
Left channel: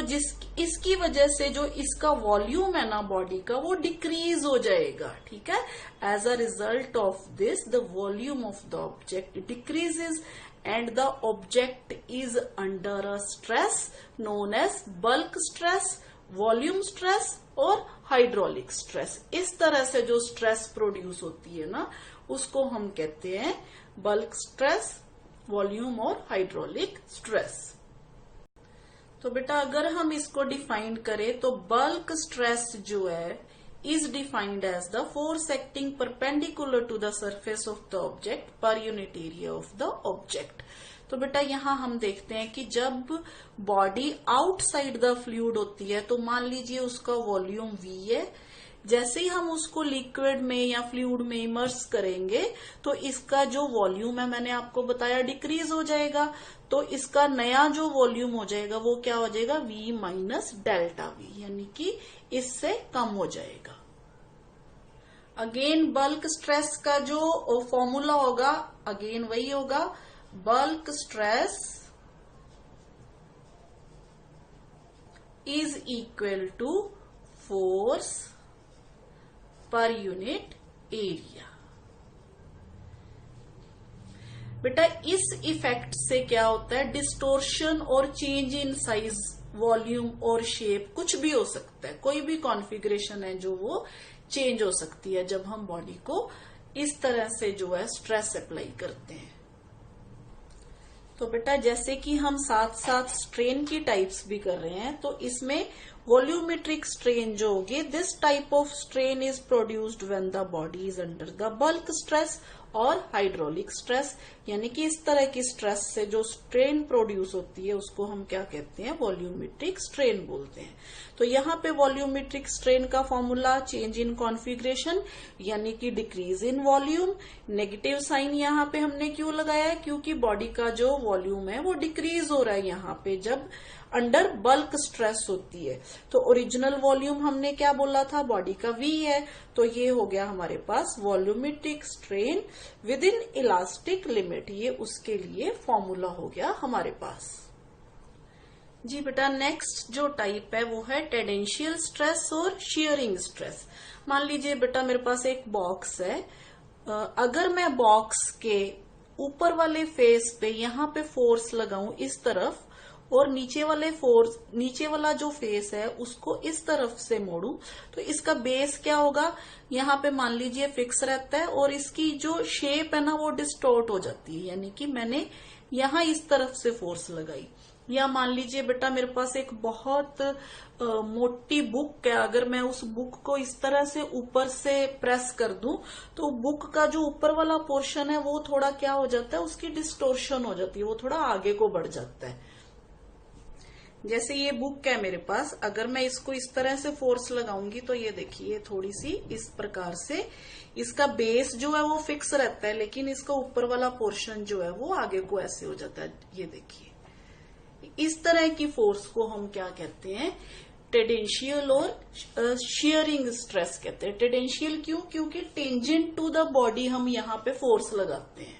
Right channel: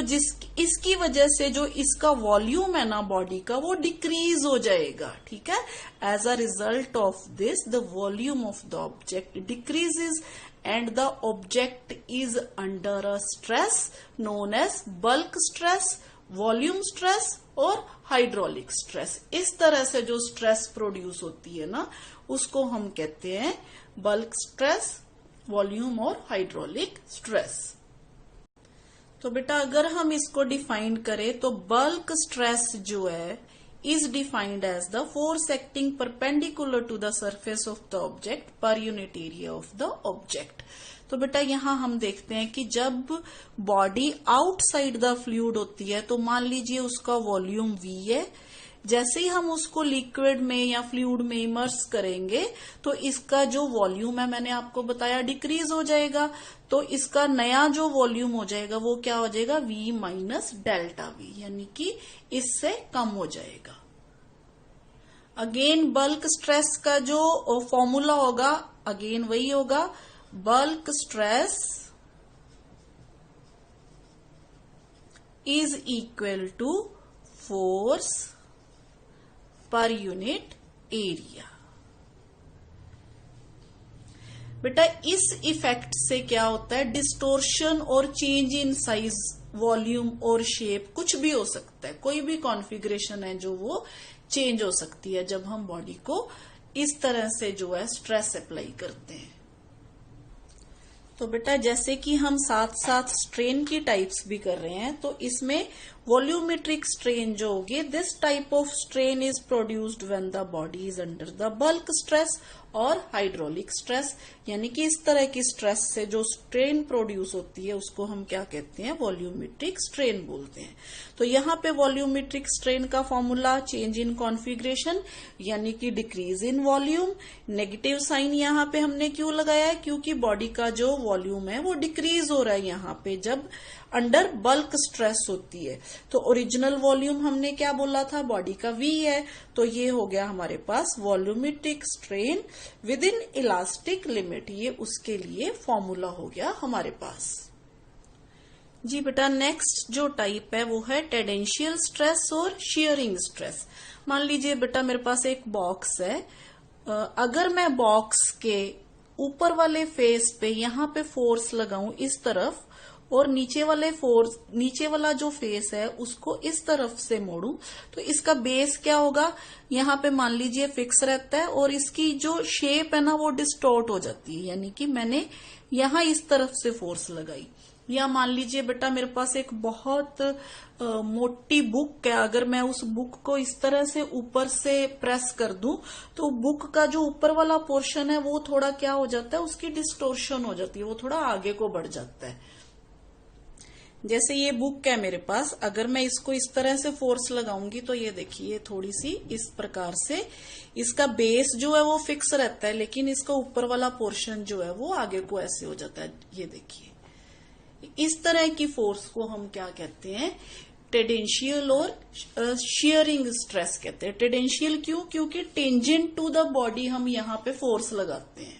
इसकी वजह से जो इसका वॉल्यूम है ना बॉडी का वो डिक्रीज हो जाएगा, ठीक है। As a result of this the volume of the object decreases and the object is under a stress known as bulk stress, volume stress और हाइड्रोलिक स्ट्रेस। इस तरह से जो स्ट्रेस प्रोड्यूस होती है ना उसको हम कहते हैं बल्क स्ट्रेस, वॉल्यूम और हाइड्रोलिक स्ट्रेस। तो बेटा अगर हम इसको डिफाइन करें तो बल्क स्ट्रेस जो है is defined as the force acting perpendicular to the surface of the object per unit area of the object। तो बेटा यहाँ हम देखते हैं कि जब बॉडी आउटसाइड द फ्लूइड होती है तो मान लीजिए उसका वॉल्यूम V है, जैसे ही हम उसको लिक्विड में या फ्लूइड में इमर्स करेंगे तो इसका जो वॉल्यूम है मैंने आपको बताया डिक्रीज हो जाएगा, तो इसका नया जो वॉल्यूम हो जाएगा वो क्या हो जाएगा, V माइनस डेल्टा V, यानी कि इससे कम हो जाएगा। अगेन बल्क स्ट्रेस का जो फॉर्मूला होगा अगेन वही होगा, bulk stress is equal to force per unit area। बेटा इस इफेक्ट से क्या होता है, डिस्टोर्शन और चेंज इन साइज, वॉल्यूम और शेप कुछ भी हो सकता है, कोई भी कॉन्फ़िगरेशन है जो वो चेंज हो सकती है जब हम बॉडी को इस तरह से जो है स्ट्रेस अप्लाई करते हैं। तो बेटा जैसे कि हम साथ साथ स्ट्रेन की टाइप्स भी कर रहे हैं, तो इसमें वॉल्यूमेट्रिक स्ट्रेन जो होगी, this type of strain is produced when the body is under the bulk stress और हाइड्रोलिक स्ट्रेस, यानी कि इस तरह की स्ट्रेस से जो स्ट्रेन प्रोड्यूस होती है उसको हम क्या कहते हैं, वॉल्यूमेट्रिक स्ट्रेन बोलते हैं। तो यहाँ पे वॉल्यूमेट्रिक स्ट्रेन का फॉर्मूला चेंज इन कॉन्फ़िगरेशन यानी कि decrease in volume. Negative sign यहाँ पे हमने क्यों लगाया है, क्योंकि बॉडी का जो वॉल्यूम है वो डिक्रीज हो रहा है यहाँ पे जब अंडर बल्क स्ट्रेस होती है। तो ओरिजिनल वॉल्यूम हमने क्या बोला था, बॉडी का V है, तो ये हो गया हमारे पास volumetric strain within elastic limit, ये उसके लिए फॉर्मूला हो गया हमारे पास। जी बेटा नेक्स्ट जो टाइप है वो है टेंडेंशियल स्ट्रेस और शियरिंग स्ट्रेस। मान लीजिए बेटा मेरे पास एक बॉक्स है, अगर मैं बॉक्स के ऊपर वाले फेस पे यहाँ पे फोर्स लगाऊं इस तरफ और नीचे वाला जो फेस है उसको इस तरफ से मोड़ूं, तो इसका बेस क्या होगा, यहाँ पे मान लीजिए फिक्स रहता है और इसकी जो शेप है ना वो डिस्टॉर्ट हो जाती है, यानी कि मैंने यहाँ इस तरफ से फोर्स लगाई। या मान लीजिए बेटा मेरे पास एक बहुत मोटी बुक है, अगर मैं उस बुक को इस तरह से ऊपर से प्रेस कर दूं तो बुक का जो ऊपर वाला पोर्शन है वो थोड़ा क्या हो जाता है, उसकी डिस्टोर्शन हो जाती है, वो थोड़ा आगे को बढ़ जाता है। जैसे ये बुक है मेरे पास, अगर मैं इसको इस तरह से फोर्स लगाऊंगी तो ये देखिए थोड़ी सी इस प्रकार से इसका बेस जो है वो फिक्स रहता है, लेकिन इसका ऊपर वाला पोर्शन जो है वो आगे को ऐसे हो जाता है। ये देखिए इस तरह की फोर्स को हम क्या कहते हैं, टेंडेंशियल और शियरिंग स्ट्रेस कहते हैं। टेंडेंशियल क्यों, क्योंकि टेंजेंट टू द बॉडी हम यहाँ पे फोर्स लगाते हैं।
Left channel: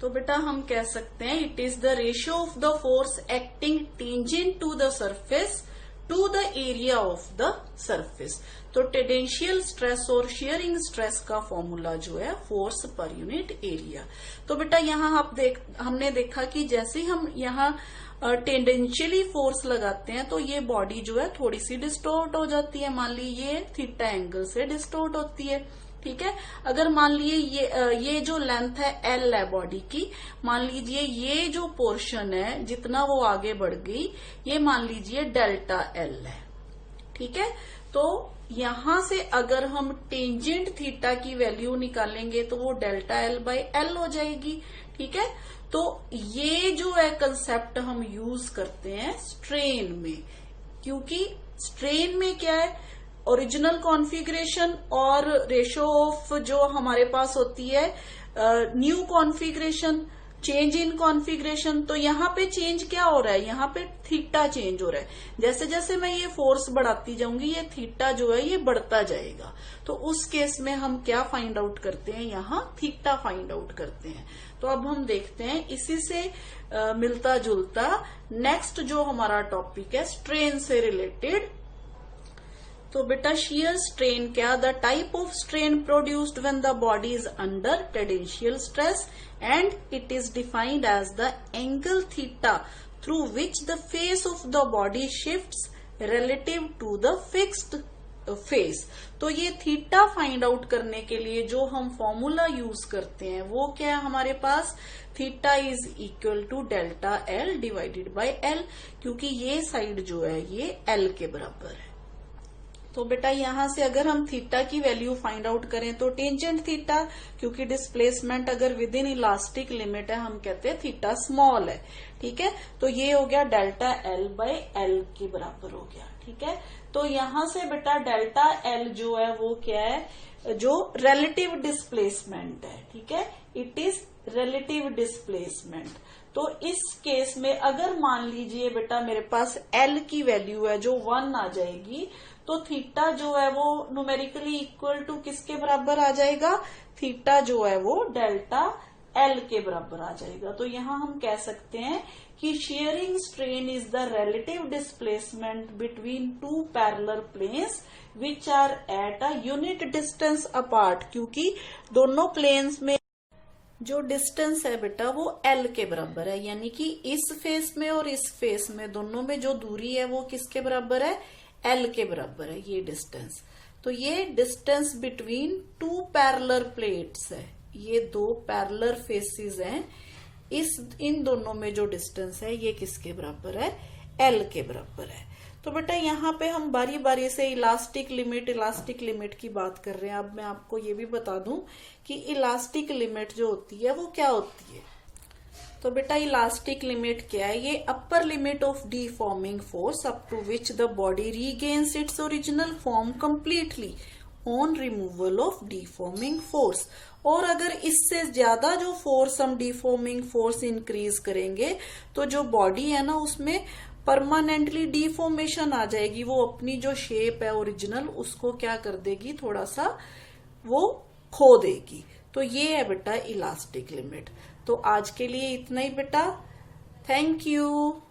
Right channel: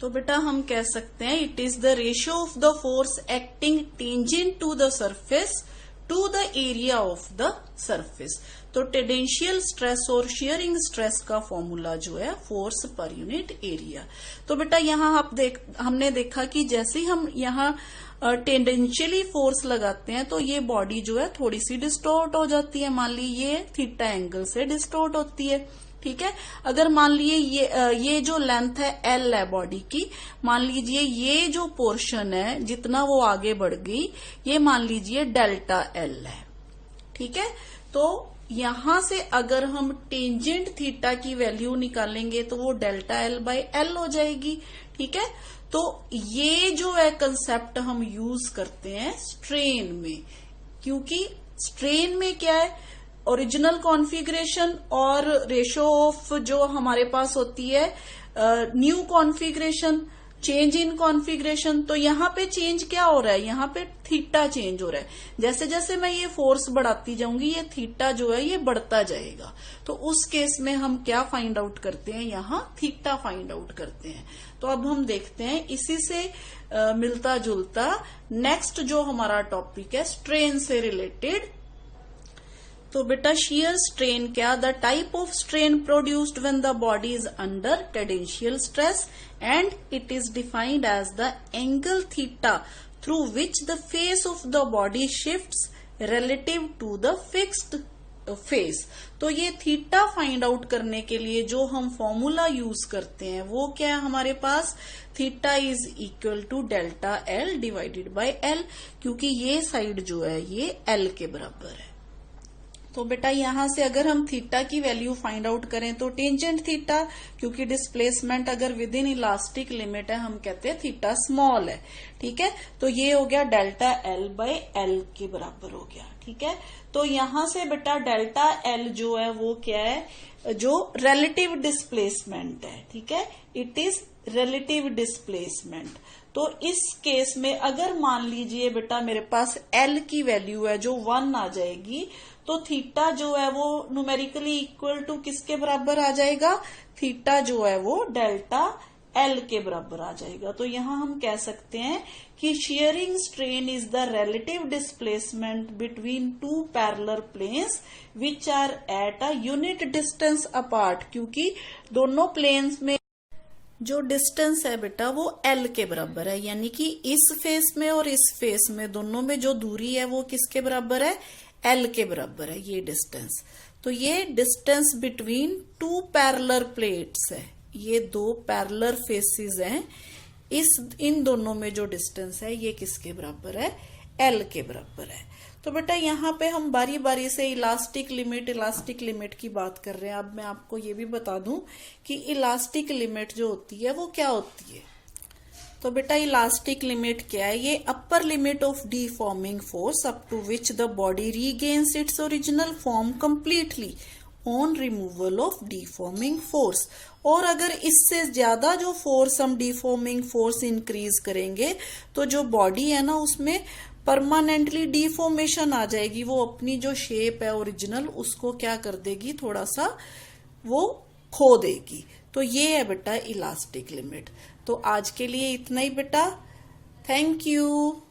तो बेटा हम कह सकते हैं it is the ratio of the force acting tangent to the surface to the area of the surface. तो टेंडेंशियल स्ट्रेस और शियरिंग स्ट्रेस का फॉर्मूला जो है फोर्स पर यूनिट एरिया। तो बेटा यहाँ हमने देखा कि जैसे ही हम यहाँ टेंडेंशियली फोर्स लगाते हैं तो ये बॉडी जो है थोड़ी सी डिस्टॉर्ट हो जाती है। मान ली ये थीटा एंगल से डिस्टॉर्ट होती है, ठीक है। अगर मान लीजिए ये जो लेंथ है L है बॉडी की, मान लीजिए ये जो पोर्शन है जितना वो आगे बढ़ गई ये मान लीजिए डेल्टा L है, ठीक है। तो यहां से अगर हम टेंजेंट थीटा की वैल्यू निकालेंगे तो वो डेल्टा L/L हो जाएगी, ठीक है। तो ये जो है कंसेप्ट हम यूज करते हैं स्ट्रेन में, क्योंकि स्ट्रेन में क्या है, ओरिजिनल कॉन्फ़िगरेशन और रेशो ऑफ जो हमारे पास होती है new configuration, change in configuration. तो यहाँ पे चेंज क्या हो रहा है, यहाँ पे थीटा चेंज हो रहा है। जैसे जैसे मैं ये फोर्स बढ़ाती जाऊंगी ये थीटा जो है ये बढ़ता जाएगा। तो उस केस में हम क्या फाइंड आउट करते हैं, यहाँ थीटा फाइंड आउट करते हैं। तो अब हम देखते हैं इसी से मिलता जुलता नेक्स्ट जो हमारा टॉपिक है स्ट्रेन से रिलेटेड। तो बेटा शियर स्ट्रेन क्या, the type of strain produced when the body is under tangential stress and it is defined as the angle theta through which the face of the body shifts relative to the fixed face. तो ये theta find out करने के लिए जो हम formula use करते हैं वो क्या है हमारे पास, theta is equal to delta L divided by L, क्योंकि ये साइड जो है ये L के बराबर है। तो बेटा यहां से अगर हम थीटा की वैल्यू फाइंड आउट करें तो टेंजेंट थीटा, क्योंकि डिस्प्लेसमेंट अगर विद इन इलास्टिक लिमिट है हम कहते हैं थीटा स्मॉल है, ठीक है। तो ये हो गया डेल्टा L/L के बराबर हो गया, ठीक है। तो यहां से बेटा डेल्टा L जो है वो क्या है, जो रिलेटिव डिस्प्लेसमेंट है, ठीक है। It is relative displacement. तो इस केस में अगर मान लीजिए बेटा मेरे पास L की वैल्यू है जो 1 आ जाएगी, तो थीटा जो है वो न्यूमेरिकली इक्वल टू किसके बराबर आ जाएगा, थीटा जो है वो डेल्टा एल के बराबर आ जाएगा। तो यहां हम कह सकते हैं कि shearing strain is the relative displacement between two parallel planes which are at a unit distance apart, क्योंकि दोनों प्लेन्स में जो डिस्टेंस है बेटा वो एल के बराबर है, यानी कि इस फेस में और इस फेस में दोनों में जो दूरी है वो किसके बराबर है, एल के बराबर है ये डिस्टेंस। तो ये distance between two parallel plates है, ये दो पैरेलल फेसेस हैं, इन दोनों में जो डिस्टेंस है ये किसके बराबर है, एल के बराबर है। तो बेटा यहाँ पे हम बारी बारी से इलास्टिक लिमिट की बात कर रहे हैं। अब मैं आपको ये भी बता दूं कि इलास्टिक लिमिट जो होती है वो क्या होती है। तो बेटा इलास्टिक लिमिट क्या है, ये upper limit of deforming force up to which the body regains its original form completely on removal of deforming force. और अगर इससे ज्यादा जो फोर्स हम डीफॉर्मिंग फोर्स इंक्रीज करेंगे तो जो बॉडी है ना उसमें परमानेंटली डीफॉर्मेशन आ जाएगी, वो अपनी जो शेप है ओरिजिनल उसको क्या कर देगी, थोड़ा सा वो खो देगी। तो ये है बेटा इलास्टिक लिमिट। तो आज के लिए इतना ही बेटा, थैंक यू।